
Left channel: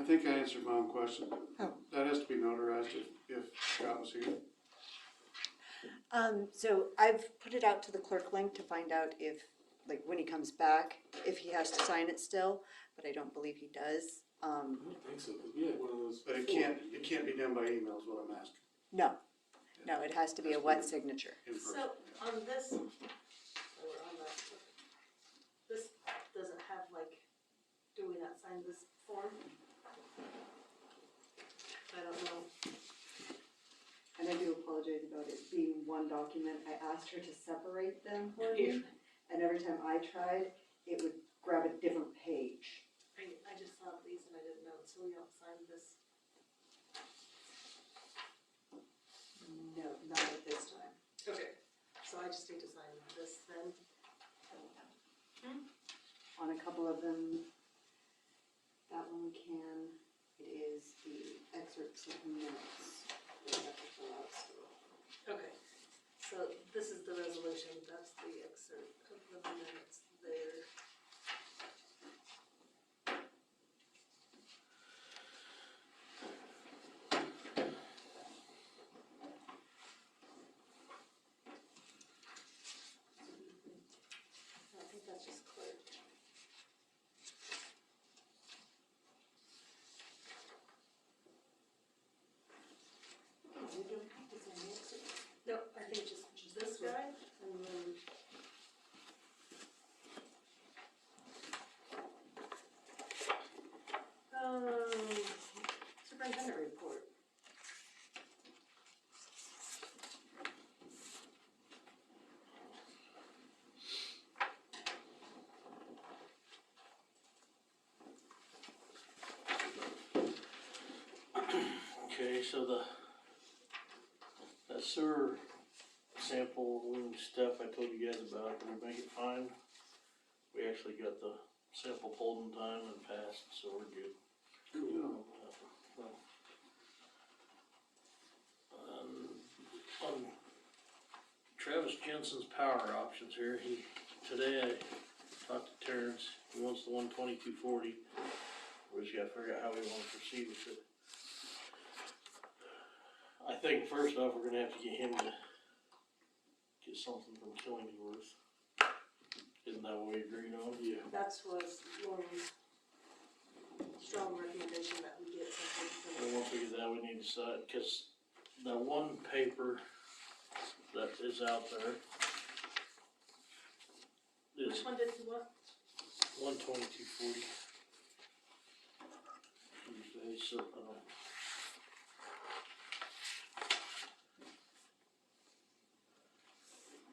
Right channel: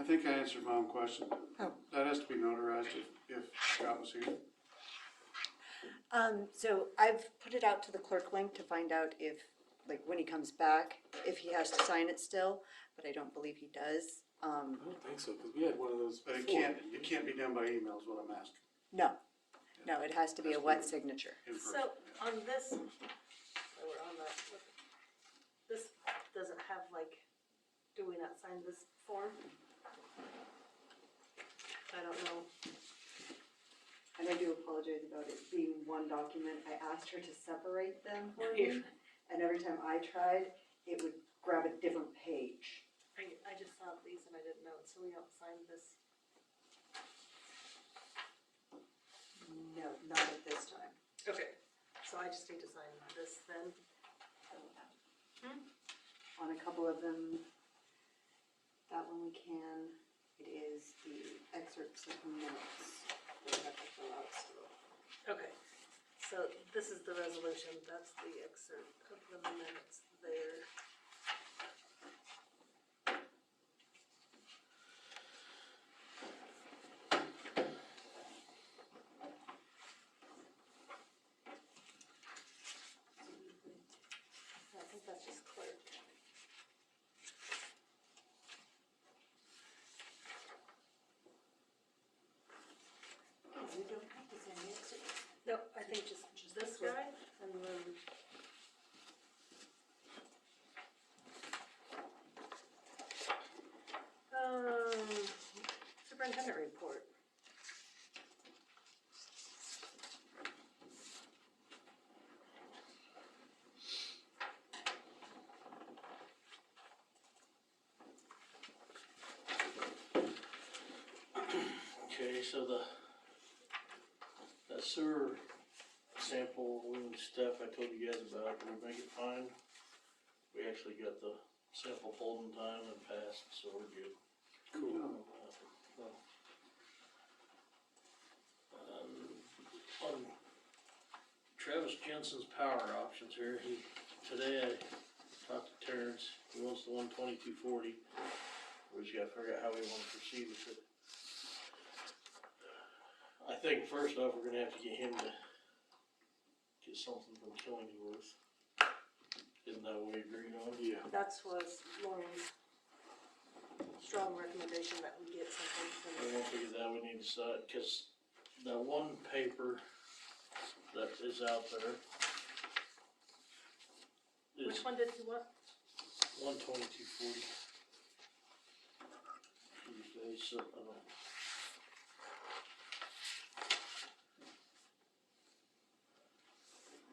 I think I answered my own question. Oh. That has to be notarized if Scott was here. So I've put it out to the clerk link to find out if, like, when he comes back, if he has to sign it still, but I don't believe he does. I don't think so, because we had one of those But it before. can't be done by email is what I'm asking. No, it has to be a wet signature. In person, So yeah. on this, so we're on that, this doesn't have like, do we not sign this form? I don't know. And I do apologize about it being one document. I asked her to separate them for me, and every time I tried, it would grab a different page. I just saw these and I didn't know, so we don't sign this. No, not at this time. Okay, so I just need to sign this then. On a couple of them, that one we can, it is the excerpts of minutes that we have to fill out, so. Okay, so this is the resolution, that's the excerpt of the minutes there. I think that's just clerk. You don't have to send me excerpts. No, I think just this guy, and then. Superintendent report. Okay, so that sewer sample stuff I told you guys about, did we make it fine? We actually got the sample pulled in time and passed, so we're good. Cool. On Travis Jensen's power options here, today I talked to Terrence, he wants the 12240. We just gotta figure out how we wanna proceed with it. I think first off, we're gonna have to get him to get something from Killingworth. Isn't that what we agreed on? Yeah. That's what Lauren's strong recommendation that we get something from And once we get that, we need to decide, cause that one paper that is out there is Which one did you want? 12240. Tuesday, so I don't.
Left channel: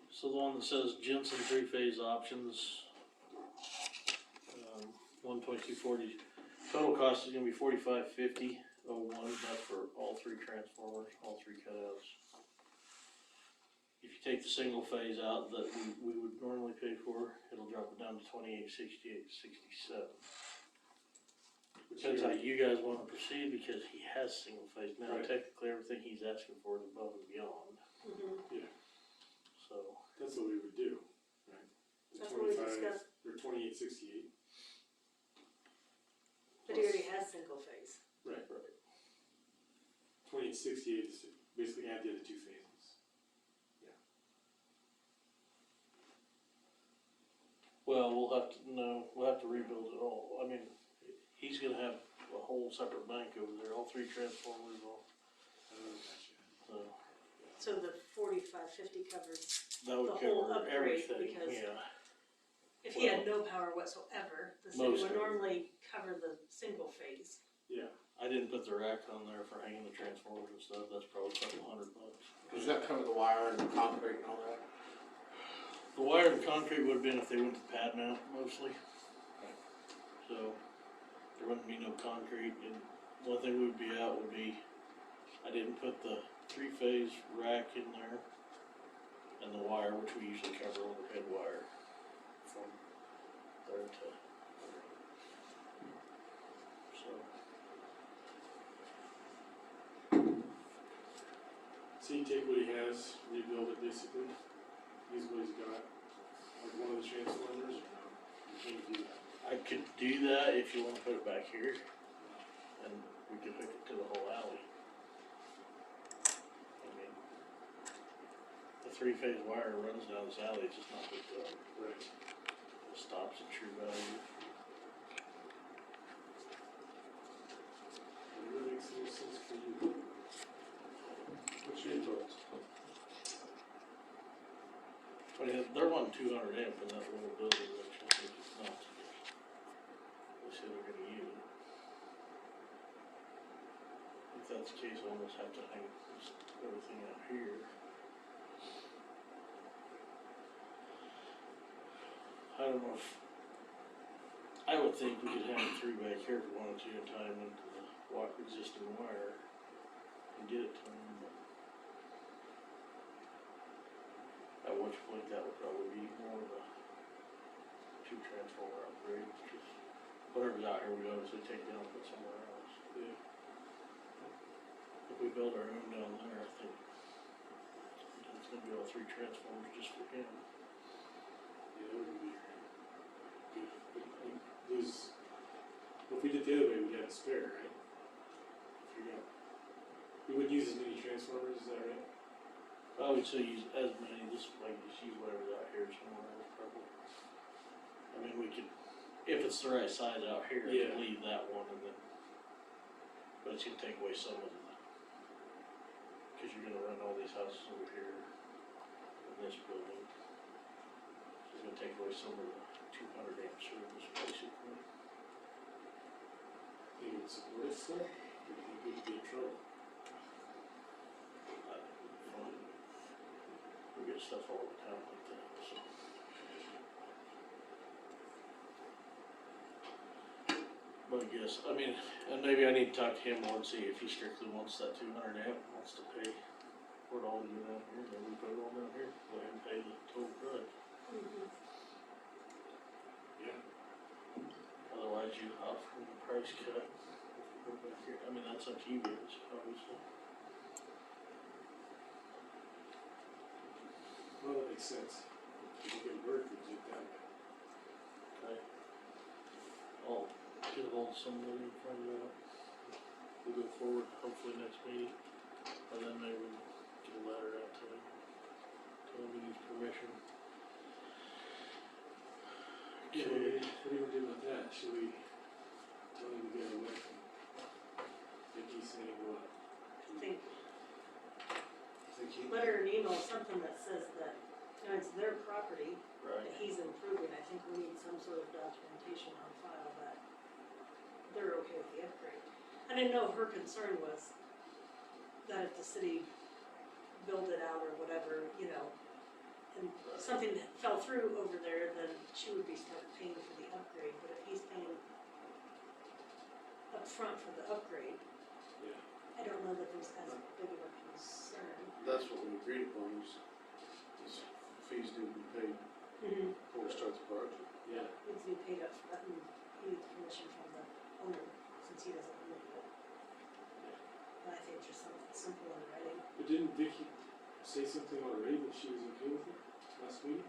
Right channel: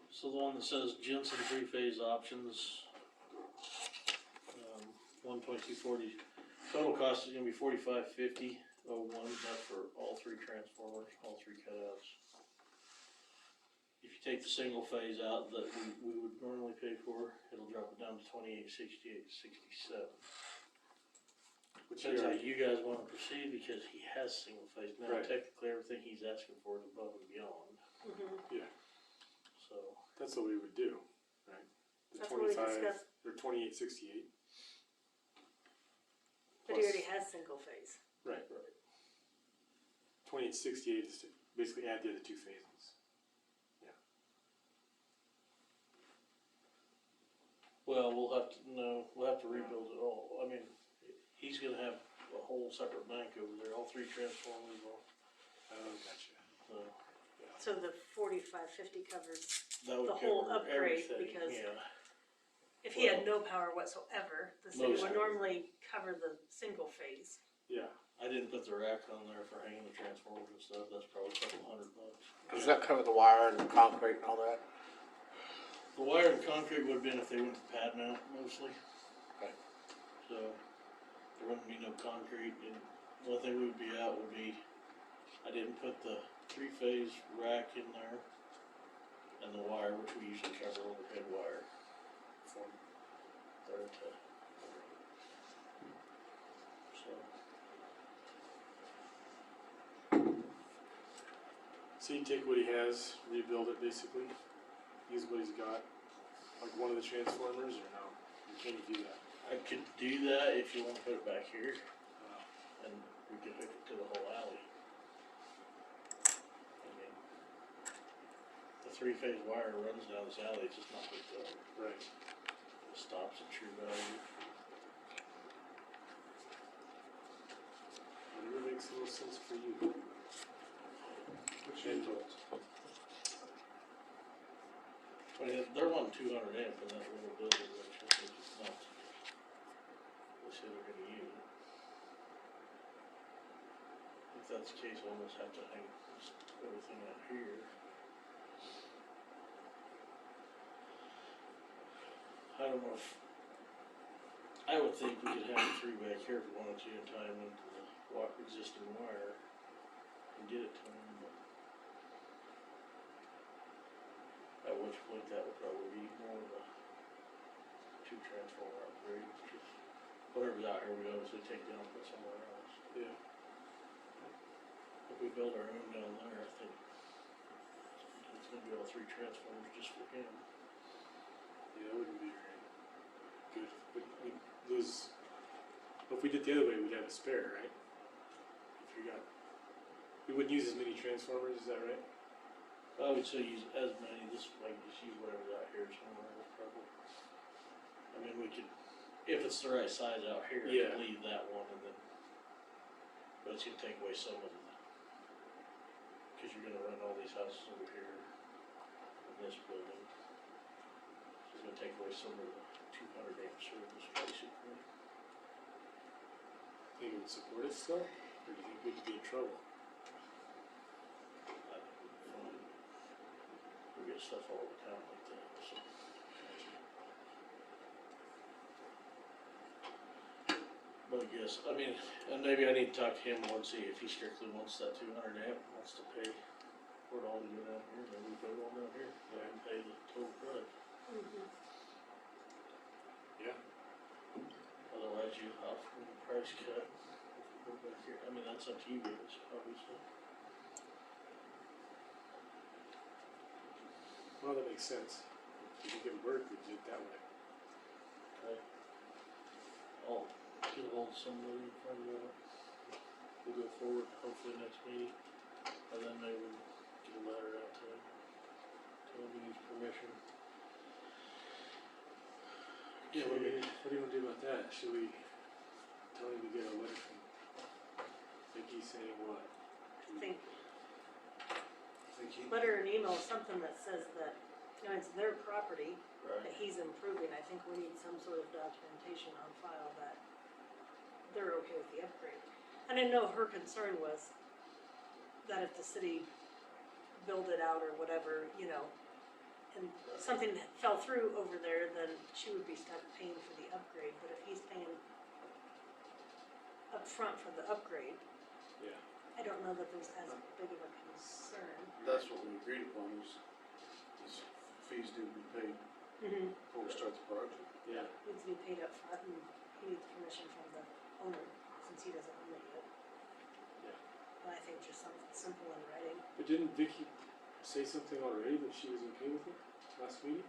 So the one that says Jensen three-phase options, 12240, total cost is gonna be $45.50. That's for all three transformers, all three cutouts. If you take the single phase out that we would normally pay for, it'll drop it down to $28.68.67. Depends how you guys wanna proceed, because he has single phase now. Right. Technically, everything he's asking for is above and beyond, Mm-hmm. so. That's what we would do, right? The That's what we 25 discussed, or 2868. but he already has single phase. Right. 2868 is to basically add the other two phases. Well, we'll have to rebuild it all. I mean, he's gonna have a whole separate bank over there, all three transformers, all, Oh, gotcha. so. So the 4550 covers, That would The whole cover upgrade, everything, because- yeah. if he had no power whatsoever, the city Most would of it. normally cover the single phase. Yeah. I didn't put the rack on there for hanging the transformers and stuff, that's probably a couple $100. Does that cover the wire and the concrete and all that? The wire and concrete would've been if they went to pad mount mostly. Okay. So, there wouldn't be no concrete, and the only thing we would be out would be, I didn't put the three-phase rack in there, and the wire, which we usually cover overhead wire from there to, so. So you take what he has, rebuild it basically, use what he's got, like one of the transformers, or no? You can't do that. I could do that if you wanna put it back here, and we could hook it to the whole alley. I mean, the three-phase wire runs down this alley, it's just not hooked up. Right. It stops at true value. Whatever makes the most sense for you. What's your thoughts? I mean, they're wanting 200 amp in that little building, which I think is not. They say they're gonna use it. If that's the case, I almost have to hang just everything out here. I don't know if, I would think we could have it through back here if we wanted to, and tie them into the existing wire and get it to them, but at which point that would probably be more of a two transformer upgrade, just whatever's out here, we obviously take down and put somewhere else. Yeah. If we build our own down there, I think it's gonna be all three transformers just for him. Yeah, that wouldn't be good. But we'd lose, if we did the other way, we'd have a spare, right? If you got, we wouldn't use as many transformers, is that right? I would say use as many, just use whatever's out here somewhere else probably. I mean, we could, if it's the right size out here, we Yeah. could leave that one and then, but it's gonna take away some of the, cause you're gonna run all these houses over here in this building. So it's gonna take away some of the 200 amp service basically. Think it would support us still? Or do you think we'd be in trouble? I think it'd be fine. We get stuff all the time like that, so. But I guess, I mean, and maybe I need to talk to him more and see if he strictly wants that 200 amp, wants to pay for it all to go down here, maybe we put it all down here, and pay the total price. Yeah. Otherwise you opt for the price cut. Go back here, I mean, that's up to you guys, obviously. Well, that makes sense. If you can work, we do it that way. Okay. I'll get ahold of somebody and find out. We'll go forward, hopefully next meeting, and then maybe we'll get a letter out to him. Tell him he needs permission. Yeah, what do you wanna do about that? Should we tell him to get a letter from Vicky saying what? Think, Think he, letter or an email, something that says that, it's their property Right. that he's improving. I think we need some sort of documentation on file that they're okay with the upgrade. I didn't know if her concern was that if the city build it out or whatever, and something fell through over there, then she would be stuck paying for the upgrade. But if he's paying up front for the upgrade, Yeah. I don't know that there's as big of a concern. that's what we agreed upon, is fees need to be paid before we start the project. Yeah. Needs to be paid up front, and he needs permission from the owner, since he doesn't own it yet. And I think just something simple in writing. But didn't Vicky say something already that she was okay with it last week?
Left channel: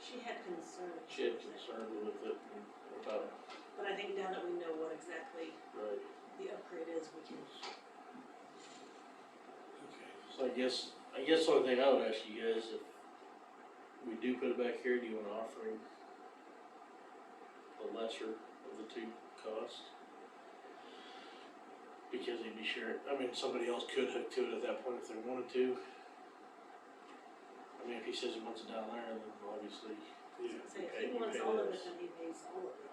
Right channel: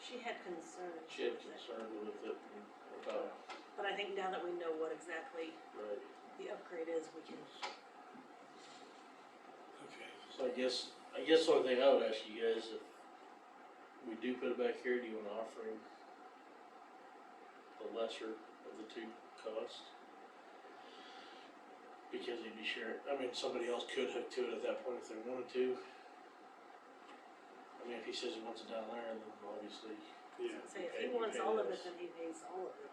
She had concerns. She had concern with it, and about, But I think now that we know what exactly right. the upgrade is, we can, Okay. So I guess the only thing I would ask you guys, if we do put it back here, do you wanna offer him the lesser of the two costs? Because he'd be sure, I mean, somebody else could hook to it at that point if they wanted to. I mean, if he says he wants it down there, then obviously, Yeah. say Okay, if he you wants pay all of it, this. then he pays all of it.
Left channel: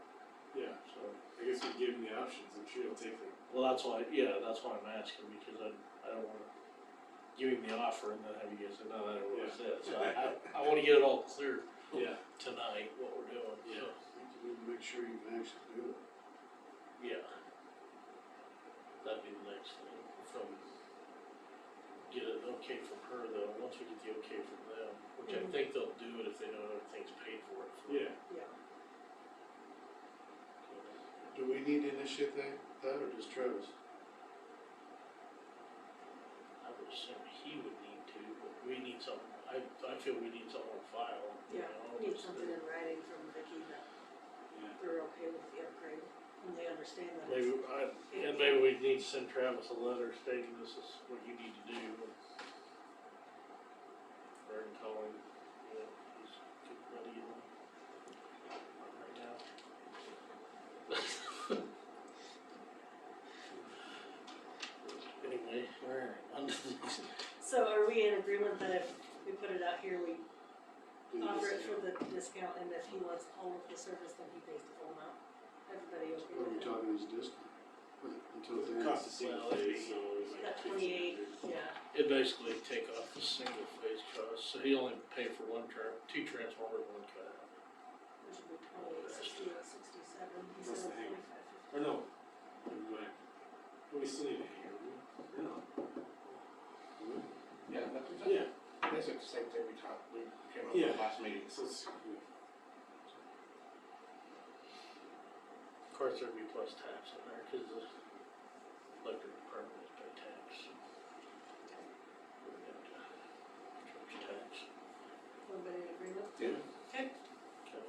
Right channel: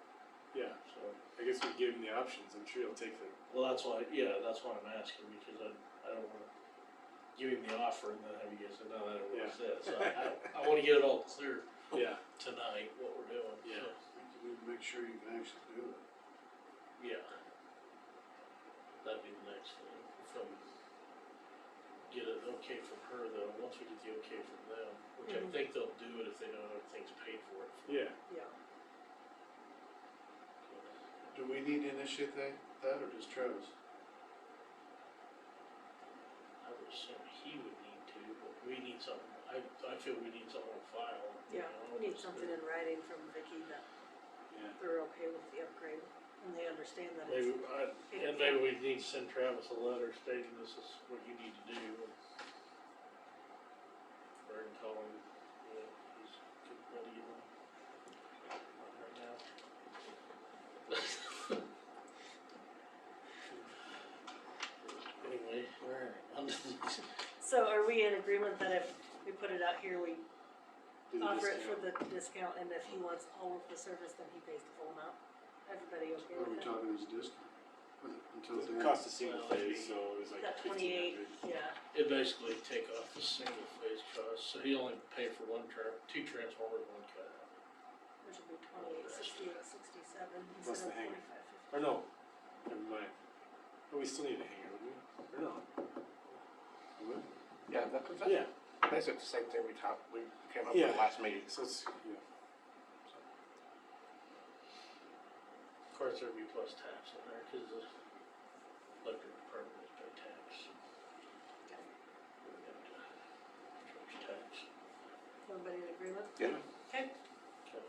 Yeah. so. I guess we give him the options. I'm sure he'll take them. Well, that's why I'm asking, because I don't wanna give him the offer and then have you guys say, no, that ain't what I said. So I wanna get it all clear Yeah. tonight, what we're doing, so. We need to make sure you can actually do it. okay from her though, once we get the okay from them, which I think they'll do it if they know everything's paid for it. Yeah. Yeah. Do we need to initiate that or just Travis? I would assume he would need to, but we need something, I feel we need something on file. you Yeah, know, we need just something to- in writing from Vicky that Yeah. they're okay with the upgrade, and they understand that Maybe, and maybe we need to send Travis a letter stating this is what you need to do. Or tell him, you know, he's getting ready, you know. Right now. Anyway, alright, on to these. So are we in agreement that if we put it out here, we Do the offer it for discount. the discount, and if he wants all of the service, then he pays the full amount? Everybody okay What are we with that? talking his discount? Until It then. cost a single Well, it'd phase, be- so it was like That 28, 1,500. yeah, It basically take off the single phase cost, so he only pay for two transformers, one cutout. there should be 28, 68, 67, Plus instead the of hanger. 25. Or no, never mind. But we still need a hanger, do we? Or no? Yeah, Yeah, basically the same thing we came up Yeah. with last meeting. so it's, yeah. Of course, there'd be plus tax in there, cause the electric department is pay tax. We have to charge tax. Everybody in agreement? Yeah. Okay, Okay.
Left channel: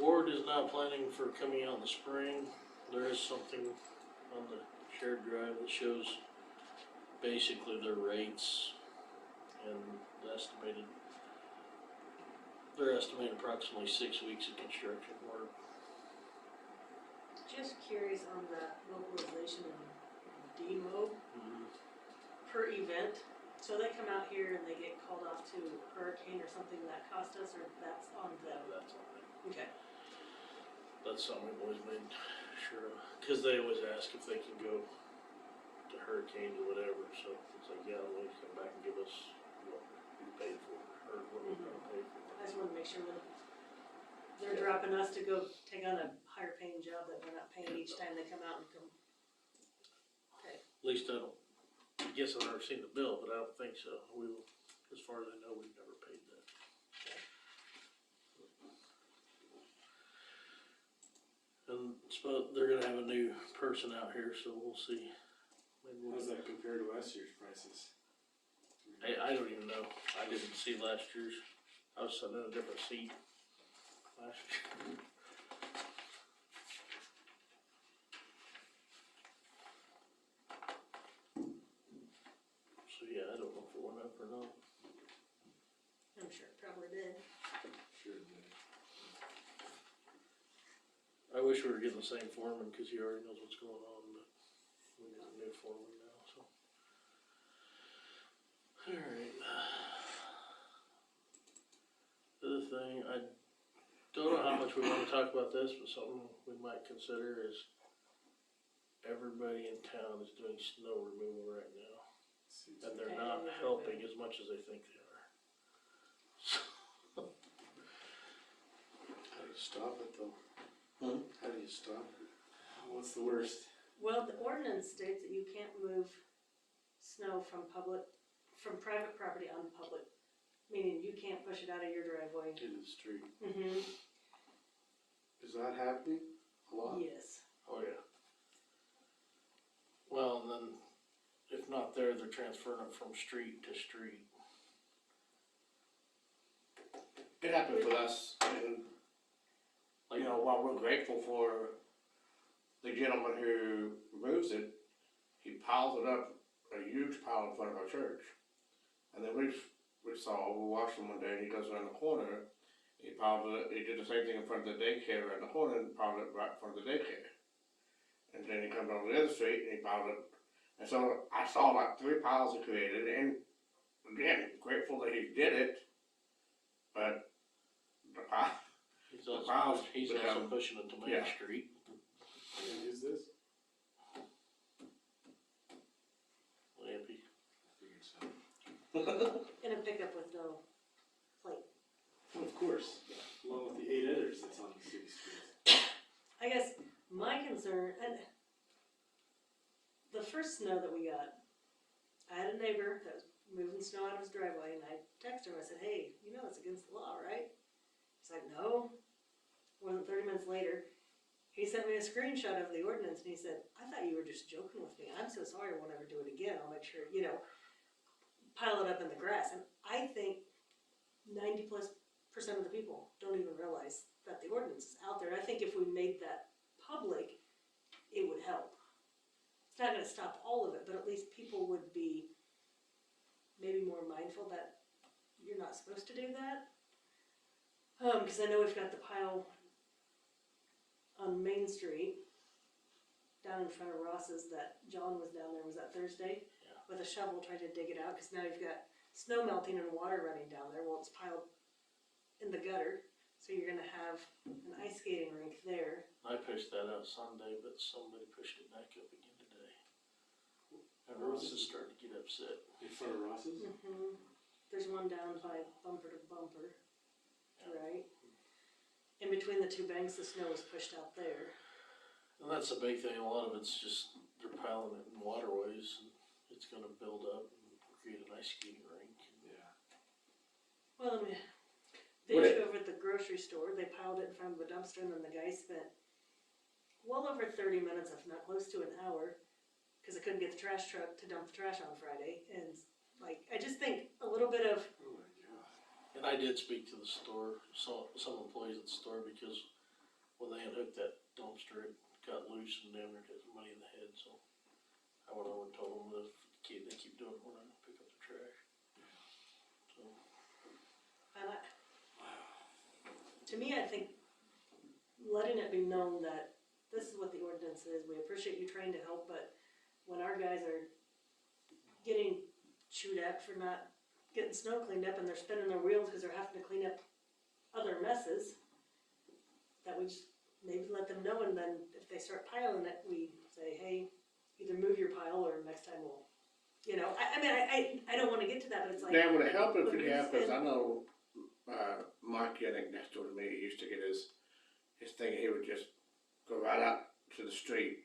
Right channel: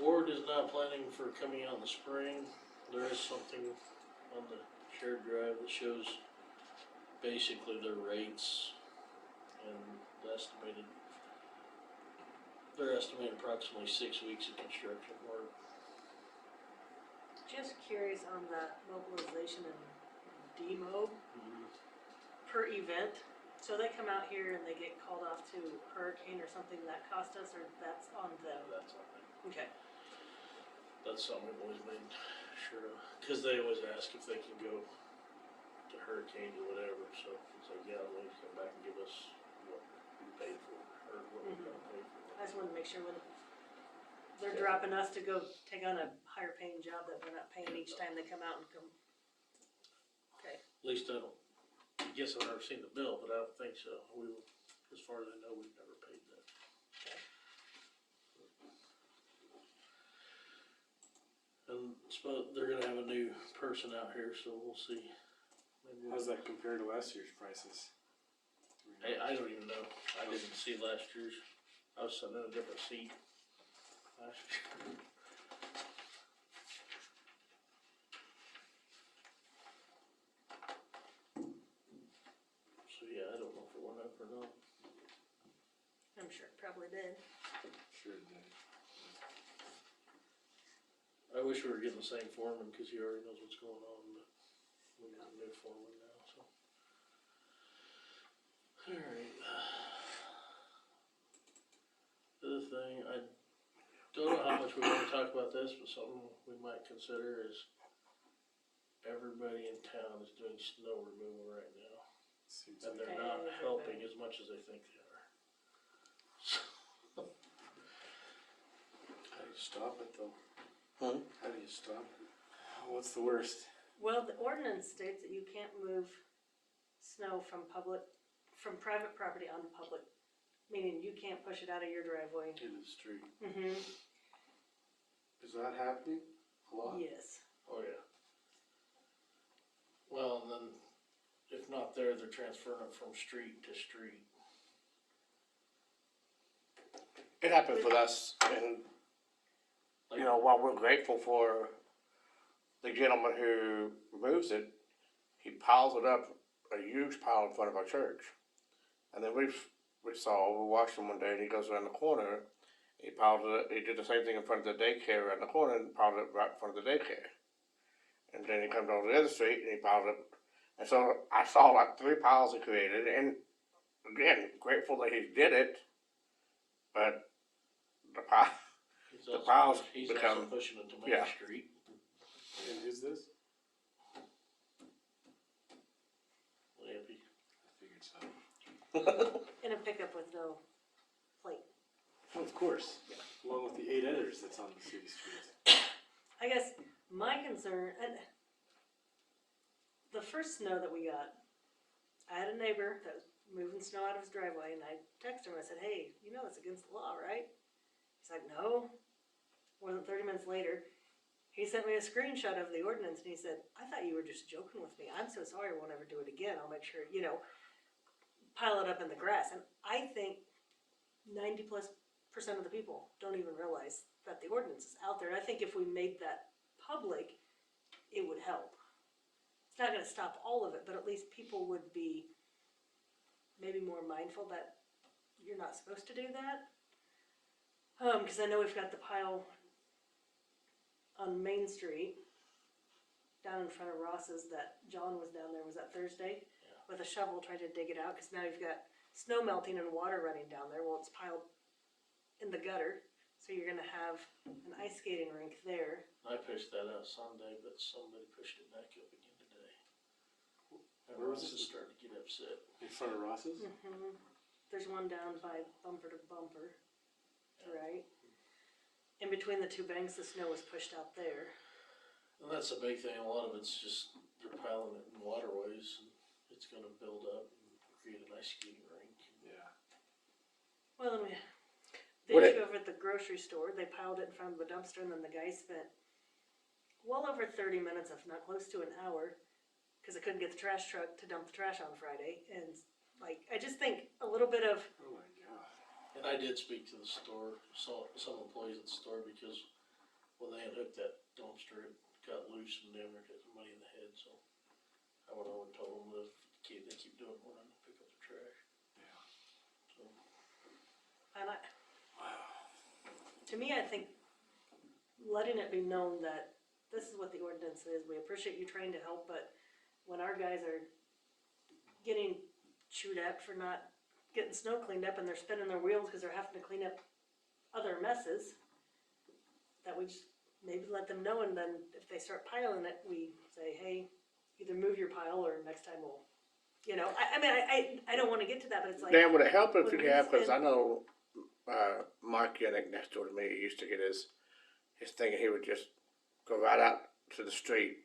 Ward is now planning for coming out in the spring. There is something on the shared drive that shows basically their rates and the estimated. They're estimating approximately 6 weeks of construction work. just curious on that mobilization and demo per event. So they come out here and they get called off to hurricane or something that cost us, or that's on them? That's on them. Okay, That's something we've always made sure of, cause they always ask if they can go to hurricanes or whatever, so it's like, yeah, they come back and give us what we paid for, or what we're gonna pay for. I just wanna make sure when they're dropping us to go take on a higher paying job that we're not paying each time they come out and come. Okay, At least I don't, guess I've never seen the bill, but I don't think so. As far as I know, we've never paid that. And they're gonna have a new person out here, so we'll see. Maybe How's that compare to last year's prices? I don't even know. I didn't see last year's. I was sitting in a different seat last year. So yeah, I don't know if it went up or not. I'm sure it probably did. Sure it did. I wish we were getting the same foreman, cause he already knows what's going on, but we got a new foreman now, so. Alright. The other thing, I don't know how much we wanna talk about this, but something we might consider is everybody in town is doing snow removal right now, Seems and like- they're not helping as much as they think they are. How do you stop it though? How do you stop it? What's the worst? Well, the ordinance states that you can't move snow from private property onto public, meaning you can't push it out of your driveway. In the street. Mm-hmm, Is that happening a lot? yes. Oh, yeah. Well, and then, if not there, they're transferring it from street to street. It happened with us, and, you know, while we're grateful for the gentleman who removes it, he piles it up, a huge pile in front of our church. And then we watched him one day, and he goes around the corner, he piled it, he did the same thing in front of the daycare around the corner, and piled it right in front of the daycare. And then he comes over the other street, and he piled it, and so I saw like 3 piles he created, and again, grateful that he did it, but the pile, He's The also, piles he's also become- pushing it to Main yeah. Street. And who's this? Lampy. I figured so. In a pickup with no plate. Oh, of course, along with the 8 others that's on the city streets. I guess my concern, and the first snow that we got, I had a neighbor that was moving snow out of his driveway, and I texted him, I said, hey, you know it's against the law, right? He's like, no. More than 30 minutes later, he sent me a screenshot of the ordinance, and he said, I thought you were just joking with me. I'm so sorry, I won't ever do it again. I'll make sure, pile it up in the grass. And I think 90+% of the people don't even realize that the ordinance is out there. And I think if we made that public, it would help. It's not gonna stop all of it, but at least people would be maybe more mindful that you're not supposed to do that. Cause I know we've got the pile on Main Street down in front of Ross's that John was down there, was that Thursday? Yeah. With a shovel trying to dig it out, cause now you've got snow melting and water running down there. Well, it's piled in the gutter, so you're gonna have an ice skating rink there. I pushed that out Sunday, but somebody pushed it back up again today. And Where was Ross is starting to get upset. In front of Ross's? There's one down by bumper to bumper, Yeah. right? In between the two banks, the snow was pushed out there. And that's the big thing, a lot of it's just, they're piling it in waterways, and it's gonna build up and create an ice skating rink. Yeah. Well, the Would issue over at the grocery store, they piled it in front of the dumpster, and then the guy spent well over 30 minutes, if not close to an hour, because I couldn't get the trash truck to dump the trash on Friday. And I just think a little bit of, Oh my god. And I did speak to the store, some employees at the store, because when they unhooked that dumpster, it got loose and they were hit somebody in the head, so I went over and told them that if they keep doing it, we're not gonna pick up the trash. So, and to me, I think letting it be known that this is what the ordinance is. We appreciate you trying to help, but when our guys are getting chewed at for not getting snow cleaned up and they're spinning their wheels because they're having to clean up other messes, that we just maybe let them know, and then if they start piling it, we say, hey, either move your pile or next time we'll, I don't wanna get to that, but it's like. Dan, would it help if when you we have, cause spend- I know, Mark Yannick next door to me, he used to get his thing, he would just go right out to the street,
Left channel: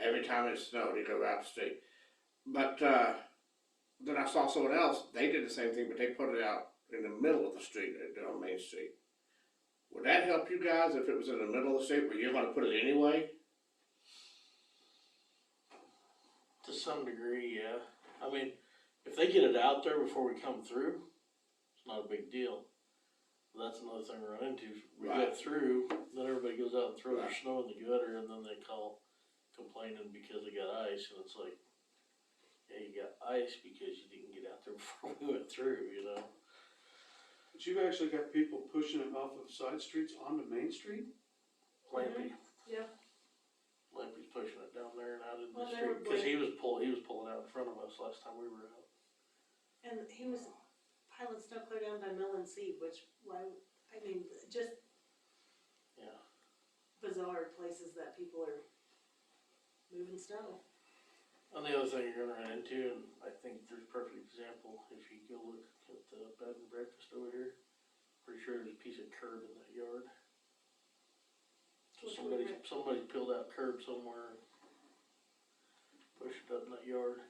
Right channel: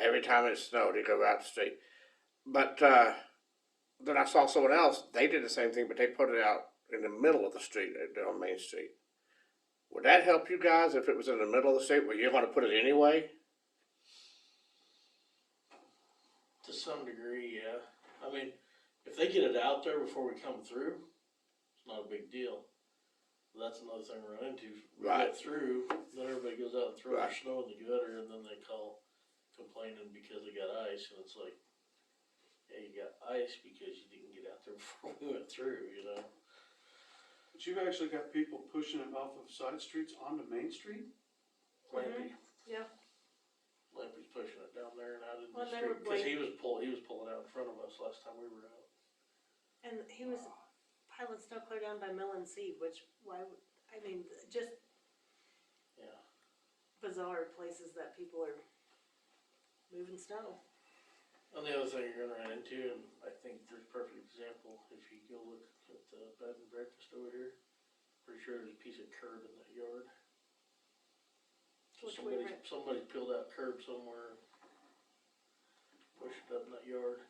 every time it snowed, he'd go out the street. But, then I saw someone else, they did the same thing, but they put it out in the middle of the street, on Main Street. Would that help you guys if it was in the middle of the street where you're gonna put it anyway? to some degree, yeah. I mean, if they get it out there before we come through, it's not a big deal. That's another thing we run into. We Right. get through, then everybody goes out and throws their Right. snow in the gutter, and then they call complaining because they got ice, and it's like, yeah, you got ice because you didn't get out there before we went through, But you've actually got people pushing it off of side streets onto Main Street? Lampy, Yeah, Lampy's pushing it down there and out in the Well, they street, were cause he blank- was pulling out in front of us last time we were out. and he was piling snow clear down by Mill and Seed, which, just Yeah. bizarre places that people are moving snow. And the other thing you're gonna run into, and I think there's a perfect example, if you go look at the bed and breakfast over here, pretty sure there's a piece of curb in that yard. So Which way, Rick? somebody peeled out curb somewhere and pushed it up in that yard.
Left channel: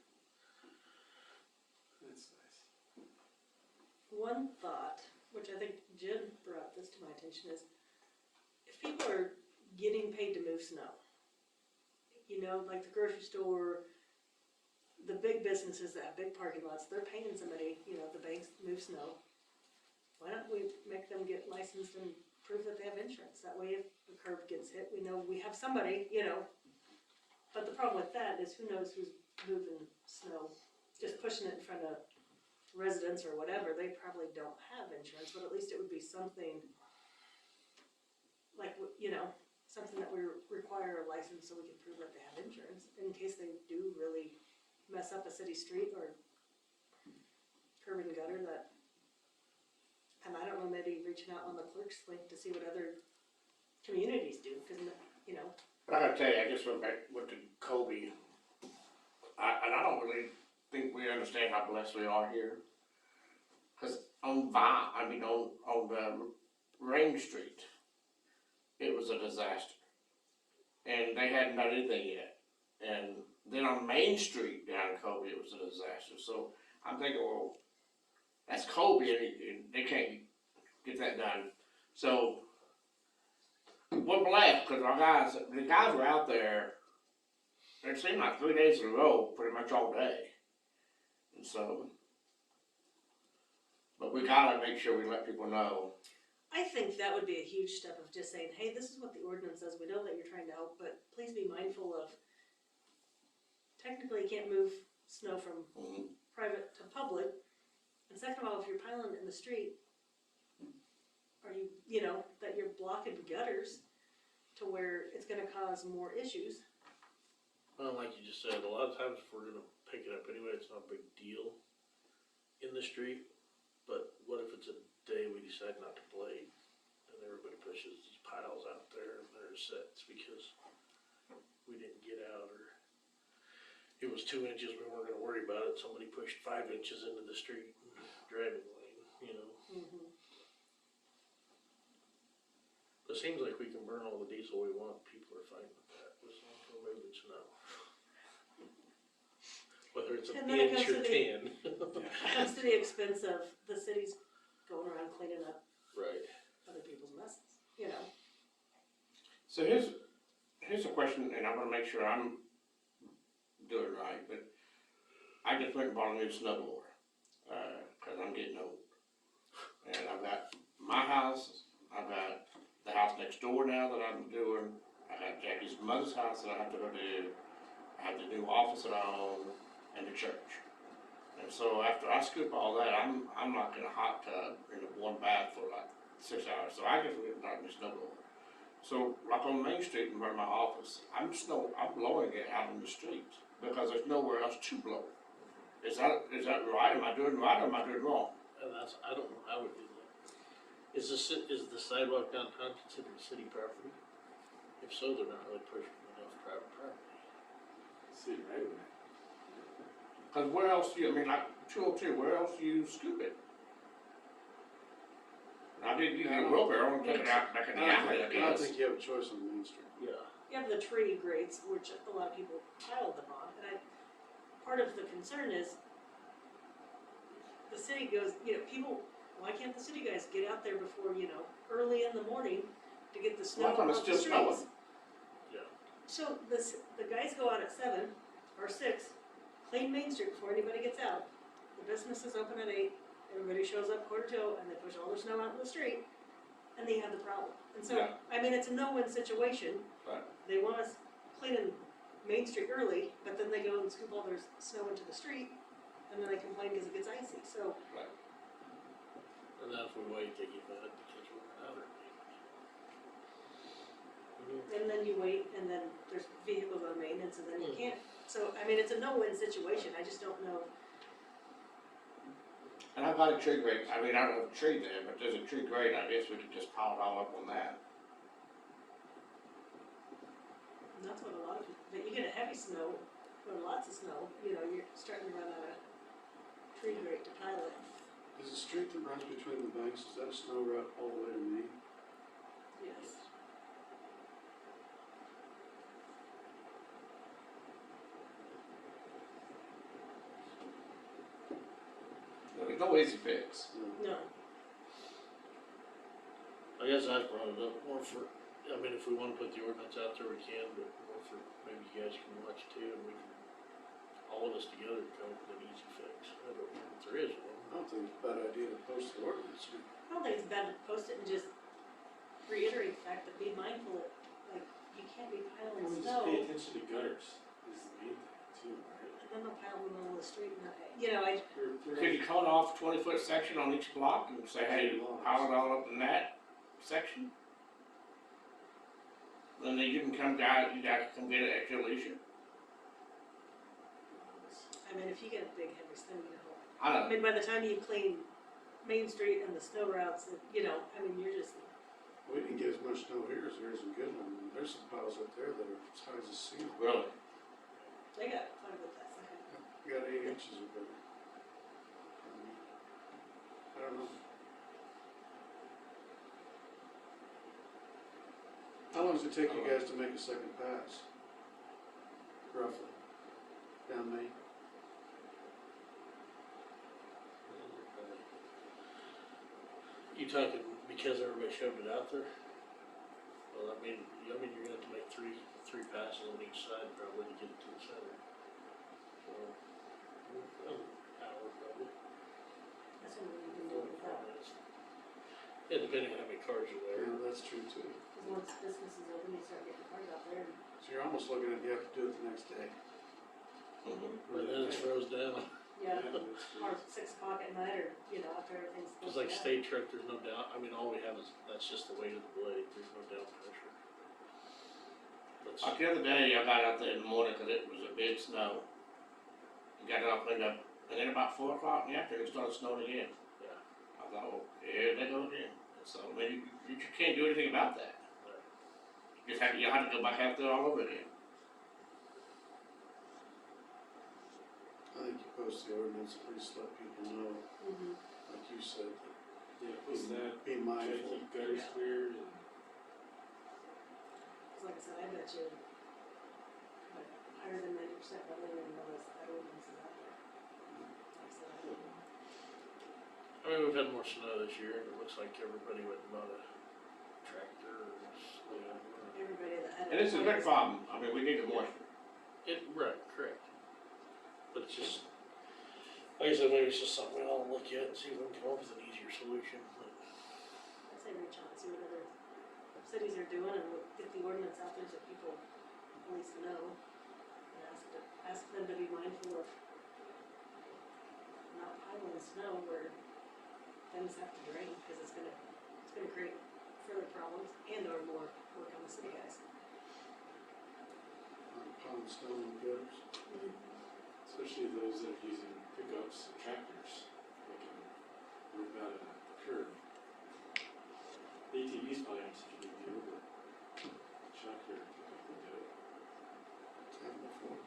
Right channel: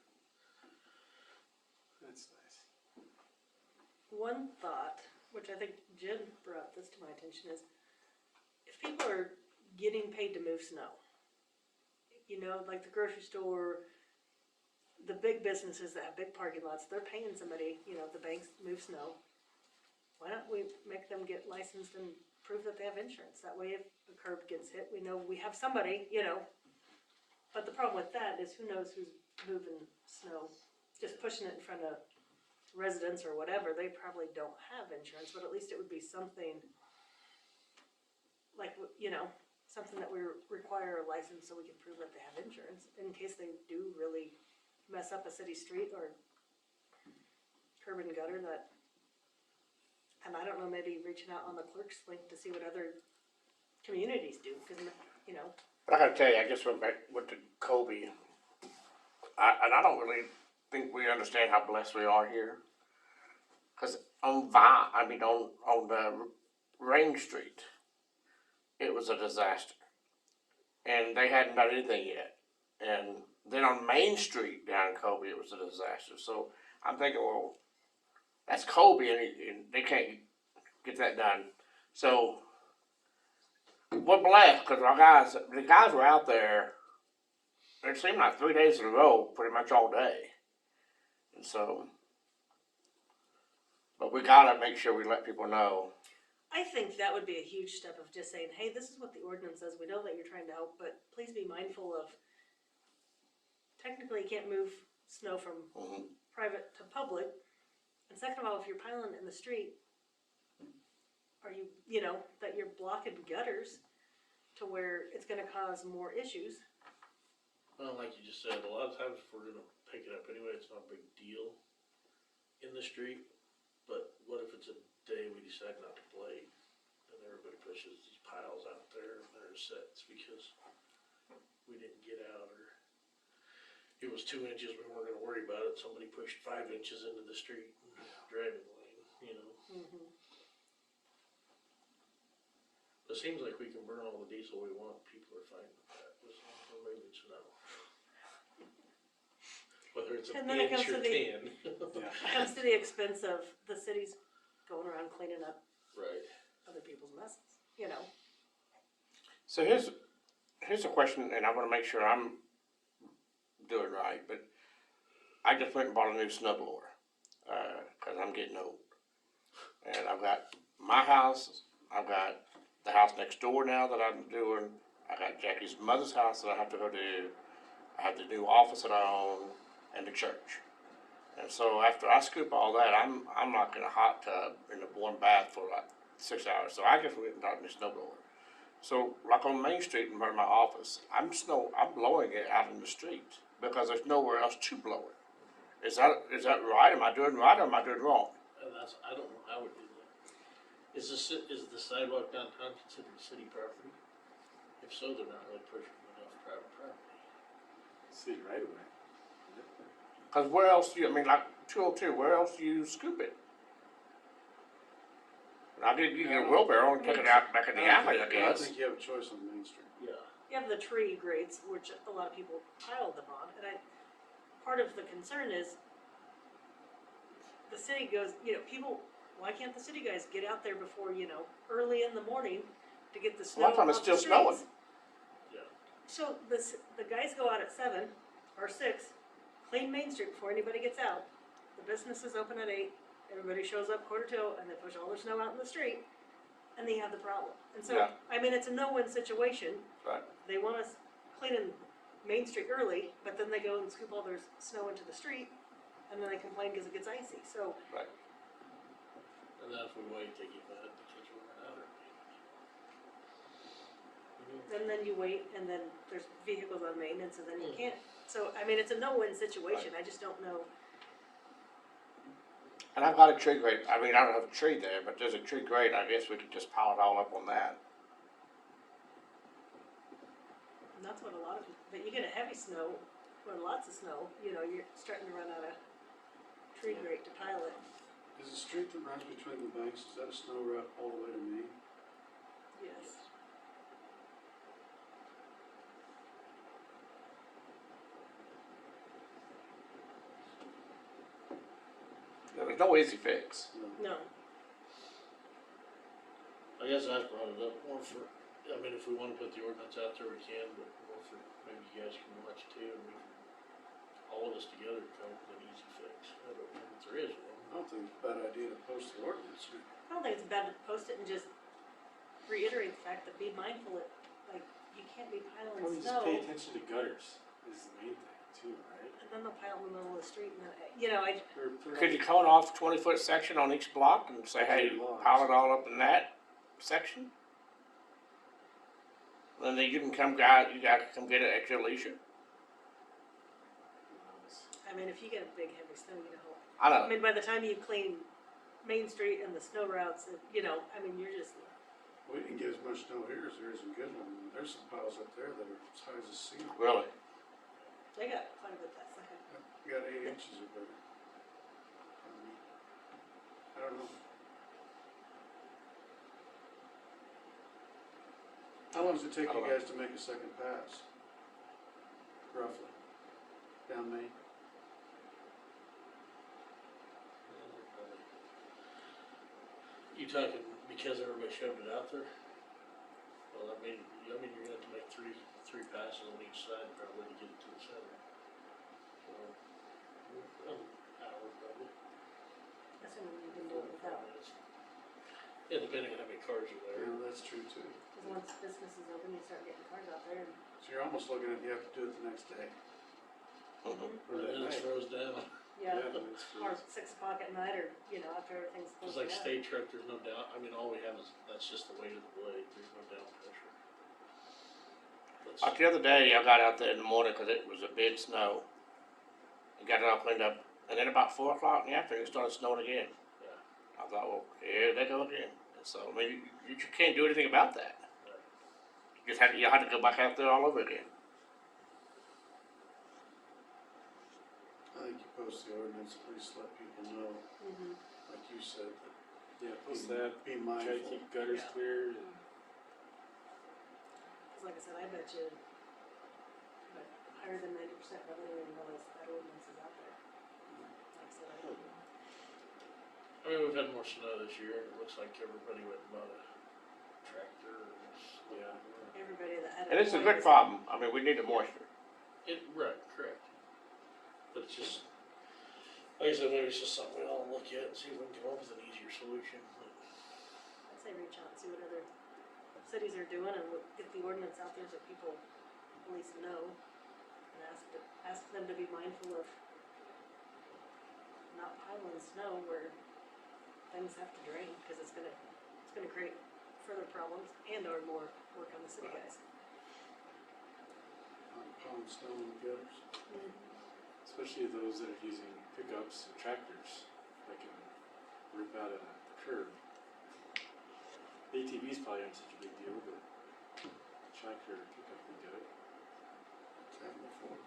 That's nice. One thought, which I think Jen brought this to my attention, is if people are getting paid to move snow, like the grocery store, the big businesses that have big parking lots, they're paying somebody, the banks move snow. Why don't we make them get licensed and prove that they have insurance? That way if the curb gets hit, we know we have somebody, But the problem with that is who knows who's moving snow, just pushing it in front of residents or whatever. They probably don't have insurance, but at least it would be something like, something that we require a license so we can prove that they have insurance in case they do really mess up a city street or curb and gutter that, and I don't know, maybe reaching out on the clerk's link to see what other communities do, cause, But I gotta tell you, I just went back with the Kobe, and I don't really think we understand how blessed we are here. Cause on the Rain Street, it was a disaster. And they hadn't done anything yet. And Then on Main Street down in Colby, it was a disaster. So I'm thinking, well, that's Colby, and they can't get that done. So we're blessed because the guys were out there. It seemed like 3 days in a row, pretty much all day. And so, but we gotta make sure we let people know. I think that would be a huge step of just saying, hey, this is what the ordinance says, we know that you're trying to help, but please be mindful of, technically you can't move snow from Mhm. private to public. And second of all, if you're piling it in the street, are you know, that you're blocking gutters to where it's gonna cause more issues. Well, like you just said, a lot of times if we're gonna pick it up anyway, it's not a big deal in the street. But what if it's a day we decide not to blade, and everybody pushes these piles out there and there's sets because we didn't get out, or it was 2 inches, we weren't gonna worry about it, somebody pushed 5 inches into the street driving lane, you know. Mm-hmm. It seems like we can burn all the diesel we want, people are fine with that, as long as we're moving snow. Whether it's an And then it inch comes or to 10. It comes to the expense of the city's going around cleaning up Right. other people's messes, you know. So here's a question, and I'm gonna make sure I'm doing right, but I just went and bought a new snowblower, cause I'm getting old. And I've got my house, I've got the house next door now that I'm doing, I got Jackie's mother's house that I have to go do, I have the new office that I own, and the church. And so after I scoop all that, I'm like in a hot tub in a warm bath for like 6 hours, so I just went and got a new snowblower. So, like on Main Street in front of my office, I'm blowing it out in the street because there's nowhere else to blow it. Is that right? Am I doing right or am I doing wrong? And I don't know how we do that. Is the sidewalk downtown considered city property? If so, they're not really pushing enough private property. See, right away. Because where else do you, I mean, like 202, where else do you scoop it? You get a wheelbarrow and take it out back in the alley, I I don't guess. think you have a choice on Main Street. Yeah. You have the tree grades, which a lot of people pile them on, and part of the concern is the city goes, you know, why can't the city guys get out there before, you know, early in the morning to get the A snow lot of off time it's the still streets? snowing. Yeah. So the guys go out at 7 or 6, clean Main Street before anybody gets out. The business is open at 8, everybody shows up 1:45, and they push all their snow out in the street, and they have the problem. And so, Yeah. I mean, it's a no-win situation. Right. They want us cleaning Main Street early, but then they go and scoop all their snow into the street, and then they complain because it gets icy. So, Right. And then if we wait, they get mad because we're out of it. and then you wait, and then there's vehicles on maintenance, and then you can't. So, I mean, it's a no-win situation. I just don't know. And I've got a tree grate, I mean, I don't have a tree there, but there's a tree grate, I guess we could just pile it all up on that. And that's what a lot of, but you get a heavy snow, or lots of snow, you know, you're starting to run out of tree grate to pile it. Is the street that runs between the banks, is that a snow route all the way to Main? Yes. There's no easy fix. No. I guess I brought it up more for, I mean, if we wanna put the ordinance out there, we can, but more for, maybe you guys can watch too, and we can, all of us together come up with an easy fix. I don't think there is one. I don't think it's a bad idea to post the ordinance. I don't think it's bad to post it and just reiterate the fact that be mindful that, like, you can't be piling Probably just snow, pay attention to gutters is the main thing too, right? and then they'll pile in the middle of the street, and, you know, Could you cut off a 20-foot section on each block and say, hey, pile it all up in that section? Then you can you guys can come get it at your leisure. I mean, if you get a big heavy snow, you know, I know. I mean, by the time you clean Main Street and the snow routes, you know, I mean, you're just, We didn't get as much snow here as there is in Goodland. There's some piles up there that are as high as a ceiling. Really? they got quite a bit that side. We got 8 inches of it. I don't know. How long does it take you guys to make a second pass? Roughly. down Main. You talking because everybody shoved it out there? Well, I mean, you're gonna have to make three passes on each side probably to get it to the center. So, hour probably. That's when we can do it without. Yeah, depending on how many cars are there. Yeah, that's true too. Cause once business is open, you start getting cars out there and. So you're almost looking at, you have to do it the next day. And then it throws down. Yeah, Yeah, that's true. or 6 o'clock at night, or, after everything's It's closed like down. state truck, there's no doubt, all we have is, that's just the weight of the blade, there's no down pressure. Like the other day, I got out there in the morning because it was a big snow. And got it all cleaned up. And then about 4 o'clock in the afternoon, it started snowing again. Yeah. I thought, well, here they go again. And so, you can't do anything about that. You had to go back out there all over again. I think you post the ordinance, at least let people know, Mhm. like you said, Yeah, plus that, be try to mindful. keep gutters Yeah. clear and Cause like I said, I bet you, but higher than 90% of it even knows that ordinance is out there. Like I said, I don't know. We've had more snow this year, and it looks like everybody went and bought a tractor or Everybody that had. And it's a good problem. We need the moisture. Right, correct. But it's just, like I said, maybe it's just something we all look at and see if we can come up with an easier solution. I'd say reach out and see what other cities are doing and get the ordinance out there so people at least know. And ask them to be mindful of not piling snow where things have to drain, cause it's gonna create further problems and or more work on the city guys. Pound stone and gutters. especially those that are using pickups and tractors, they can rip out a curb. The ATVs probably aren't such a big deal, but tractor pickup will do it. Time before.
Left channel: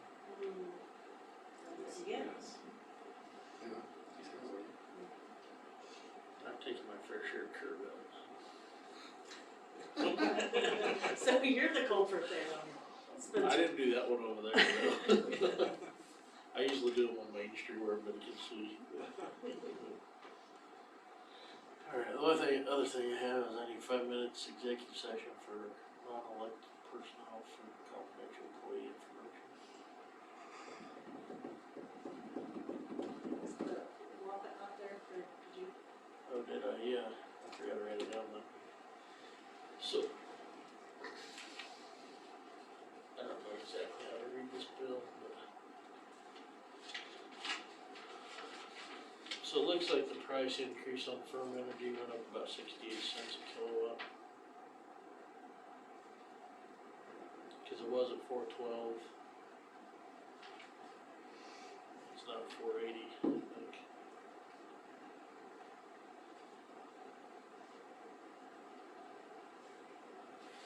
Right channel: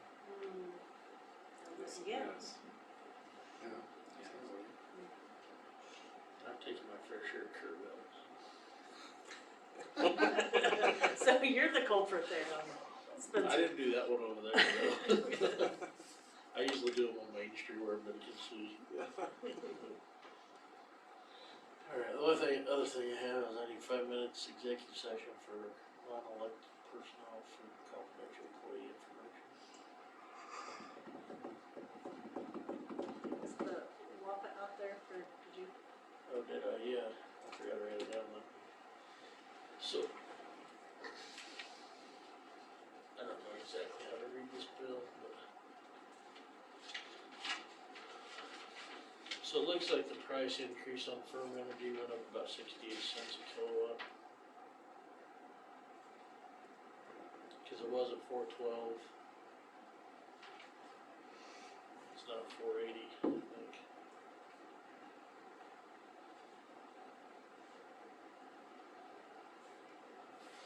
Yeah. Yes. Yeah. Sounds like it. I've taken my fair share of curb outs. So you're the culprit there, Spencer. I didn't do that one over there, though. I usually do them on Main Street where everybody can see. Alright, the other thing I have is I need 5 minutes executive session for non-elected personnel for confidential employee information. Is the WAPA out there for, did you? Oh, did I? Yeah, I forgot I ran it down then. So, I don't know exactly how to read this bill, but. So it looks like the price increase on firm energy went up about 68 cents a kilowatt. Cause it was at $4.12. It's now at $4.80, I think.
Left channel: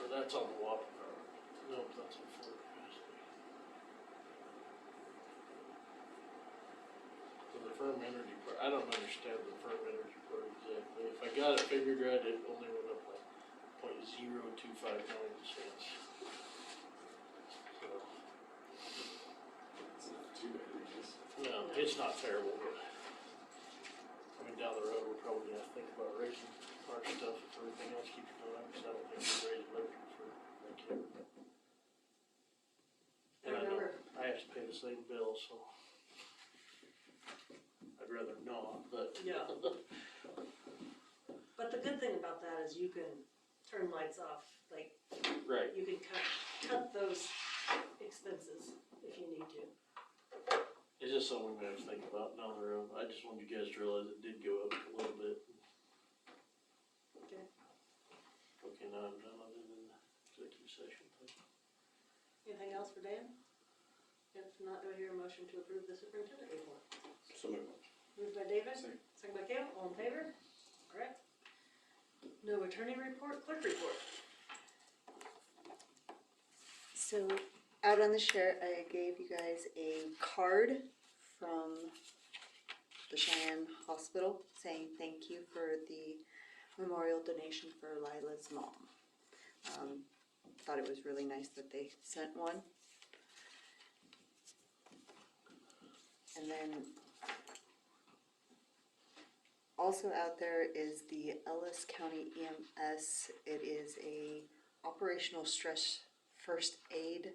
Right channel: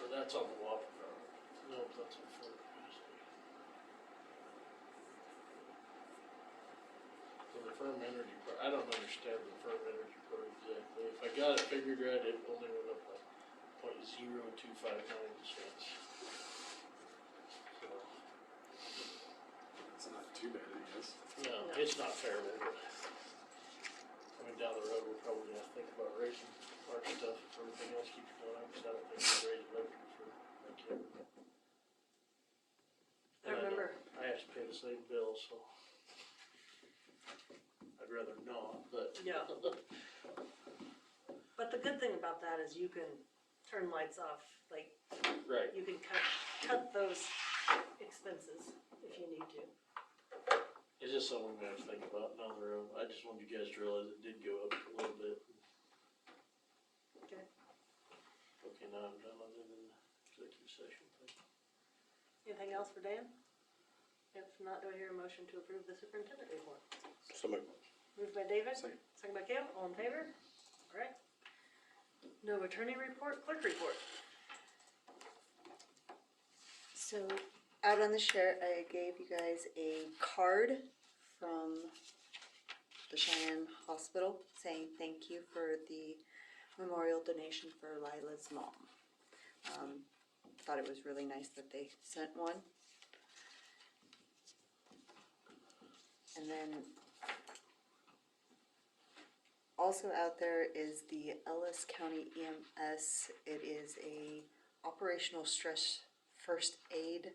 Or that's on the water power. No, that's on full capacity. So the firm energy part, I don't understand the firm energy part exactly. If I got it figured right, it only went up like 0.0259 cents. So, It's not too bad, I guess. no, it's not terrible, but down the road, we're probably gonna think about raising our stuff if everything else keeps going up, because I don't think we'll raise electric for, And I remember. I have to pay the same bill, so I'd rather not, but. Yeah. But the good thing about that is you can turn lights off, like, Right. you can cut those expenses if you need to. It's just something we have to think about down the road. I just wanted you guys to realize it did go up a little bit. Okay. Okay, now I'm done other than the executive session thing. Anything else for Dan? If not, do I hear a motion to approve the superintendent report? So moved. Moved by David, Second. second by Cale, all in favor? Alright. No attorney report, clerk report. So, out on the share, I gave you guys a card from the Cheyenne Hospital saying thank you for the memorial donation for Lila's mom. Thought it was really nice that they sent one. And then also out there is the Ellis County EMS. It is a operational stress first aid,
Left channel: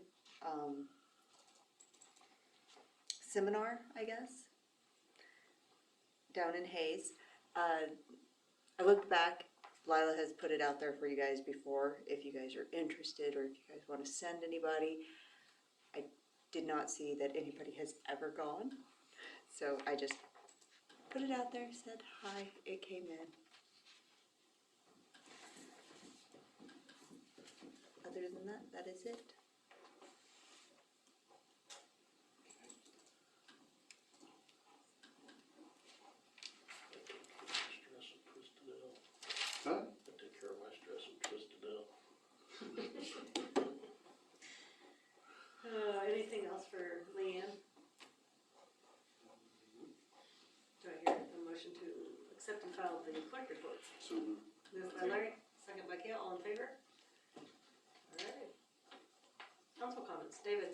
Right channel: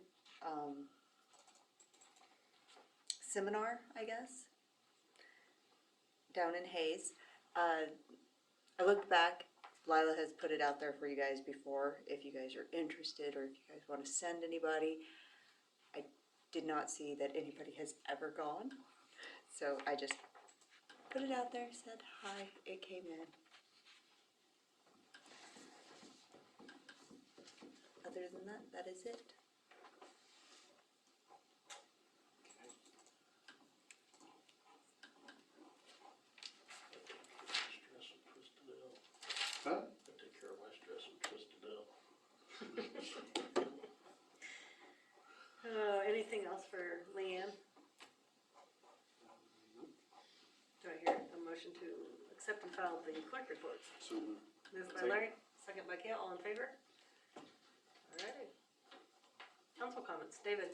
seminar, I guess, down in Hayes. I looked back, Lila has put it out there for you guys before, if you guys are interested, or if you guys wanna send anybody. I did not see that anybody has ever gone, so I just put it out there, said hi, it came in. Other than that, that is it. Stress and twisted out. Huh? I take care of my stress and twisted out. Anything else for Leanne? Do I hear a motion to accept and file the clerk report? So moved. Moved by Larry, second by Kale, all in favor? Alright. Council comments, David?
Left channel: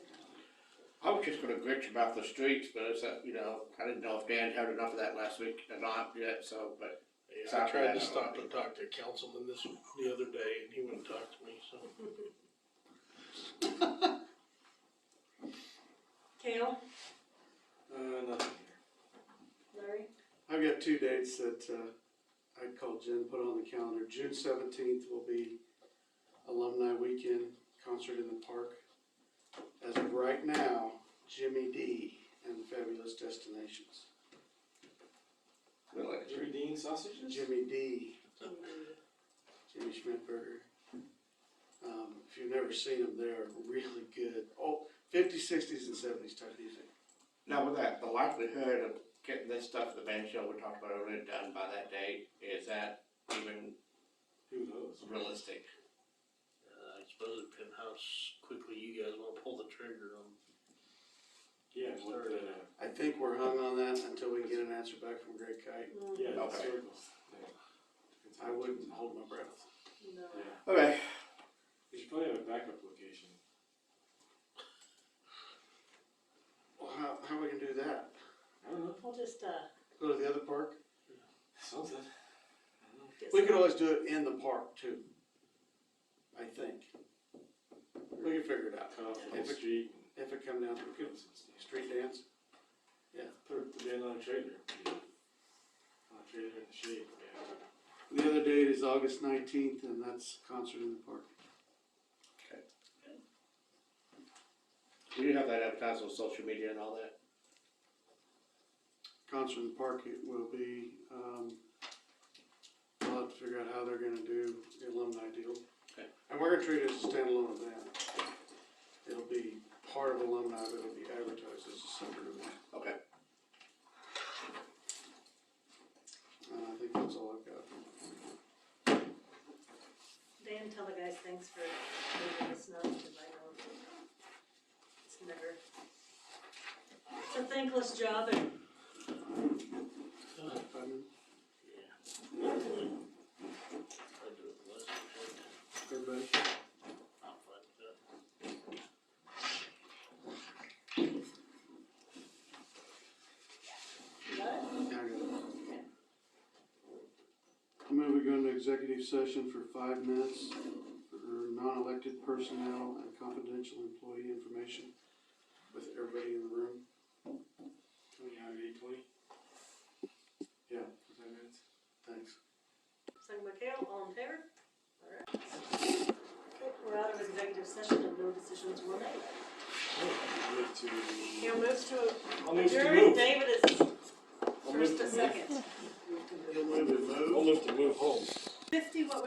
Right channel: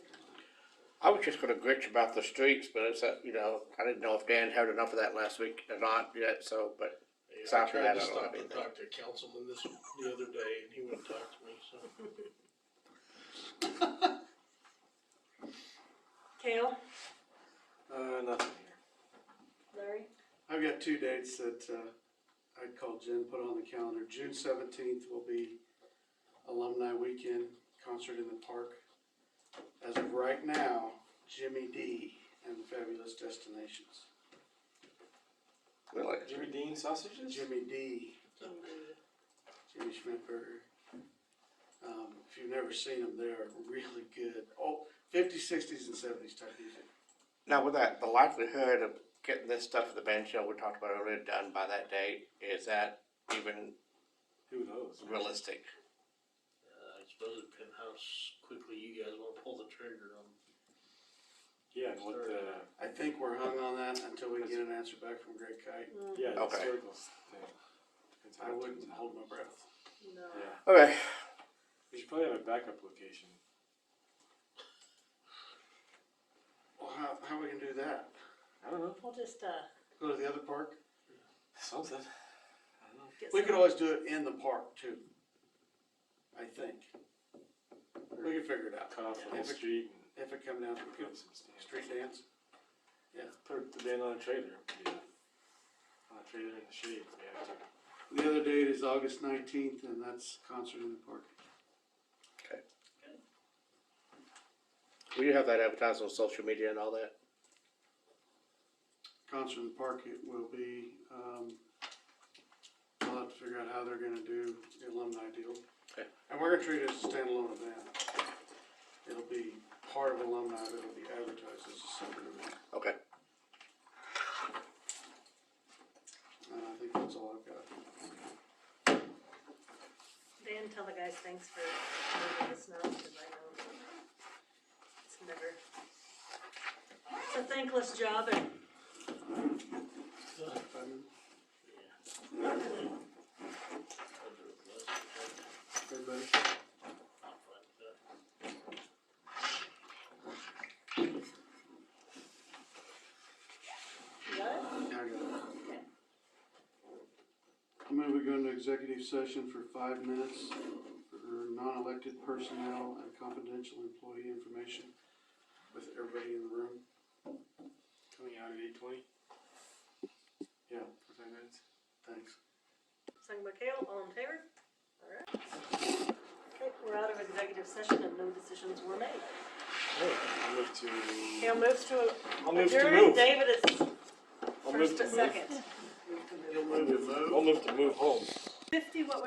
I was just gonna gritch about the streets, but it's, you know, I didn't know if Dan had enough of that last week or not yet, so, but Yeah, Sorry I for tried that, to I don't stop know. and talk to a councilman the other day, and he wouldn't talk to me, so. Kale? Nothing here. Larry? I've got 2 dates that, I called Jen, put on the calendar. June 17th will be Alumni Weekend Concert in the Park. As of right now, Jimmy D and the Fabulous Destinations. really, Jimmy Dean sausages? Jimmy D, Jimmy Schmidtberger. If you've never seen them, they are really good. Oh, 50s, 60s, and 70s type music. now with that, the likelihood of getting this stuff at the band shell we talked about earlier done by that date, is that even Who knows? realistic? I suppose it depends how quickly you guys wanna pull the trigger on. Yeah, and what the, I think we're hung on that until we get an answer back from Greg Kite. yeah, the Okay. circles thing. Depends how I much wouldn't it's- hold my breath. No. Yeah, Okay. we should probably have a backup location. Well, how we gonna do that? I don't know, We'll just, Go to the other park? something. I don't know. get We some- could always do it in the park too. I think. We can figure it out. Cut off the whole If it, street if it comes down to and it, put some stands. street dance. Put the band on a trailer. On a trailer in the shade, yeah. The other date is August 19th, and that's concert in the park. Will you have that advertised on social media and all that? Concert in the park, it will be, I'll have to figure out how they're gonna do the alumni deal. Okay. And we're gonna treat it as a standalone event. It'll be part of alumni, but it'll be advertised as a separate event. Okay. And I think that's all I've got. Dan, tell the guys thanks for moving the snow, cause I know it's never, it's a thankless job and I'll do it the last week. Everybody? I'm fine with that. you got it? Yeah, I got it. I move we go into executive session for 5 minutes for non-elected personnel and confidential employee information with everybody in the room. Coming out at 8:20, Yeah, for 5 minutes. thanks. Second by Kale, all in favor? Alright. Okay, we're out of executive session and no decisions were made. I'll move to. Kale moves to I'll move to adjourn, move. David is I'll move first to and move. second. You'll move to move? I'll move to move home. 50, what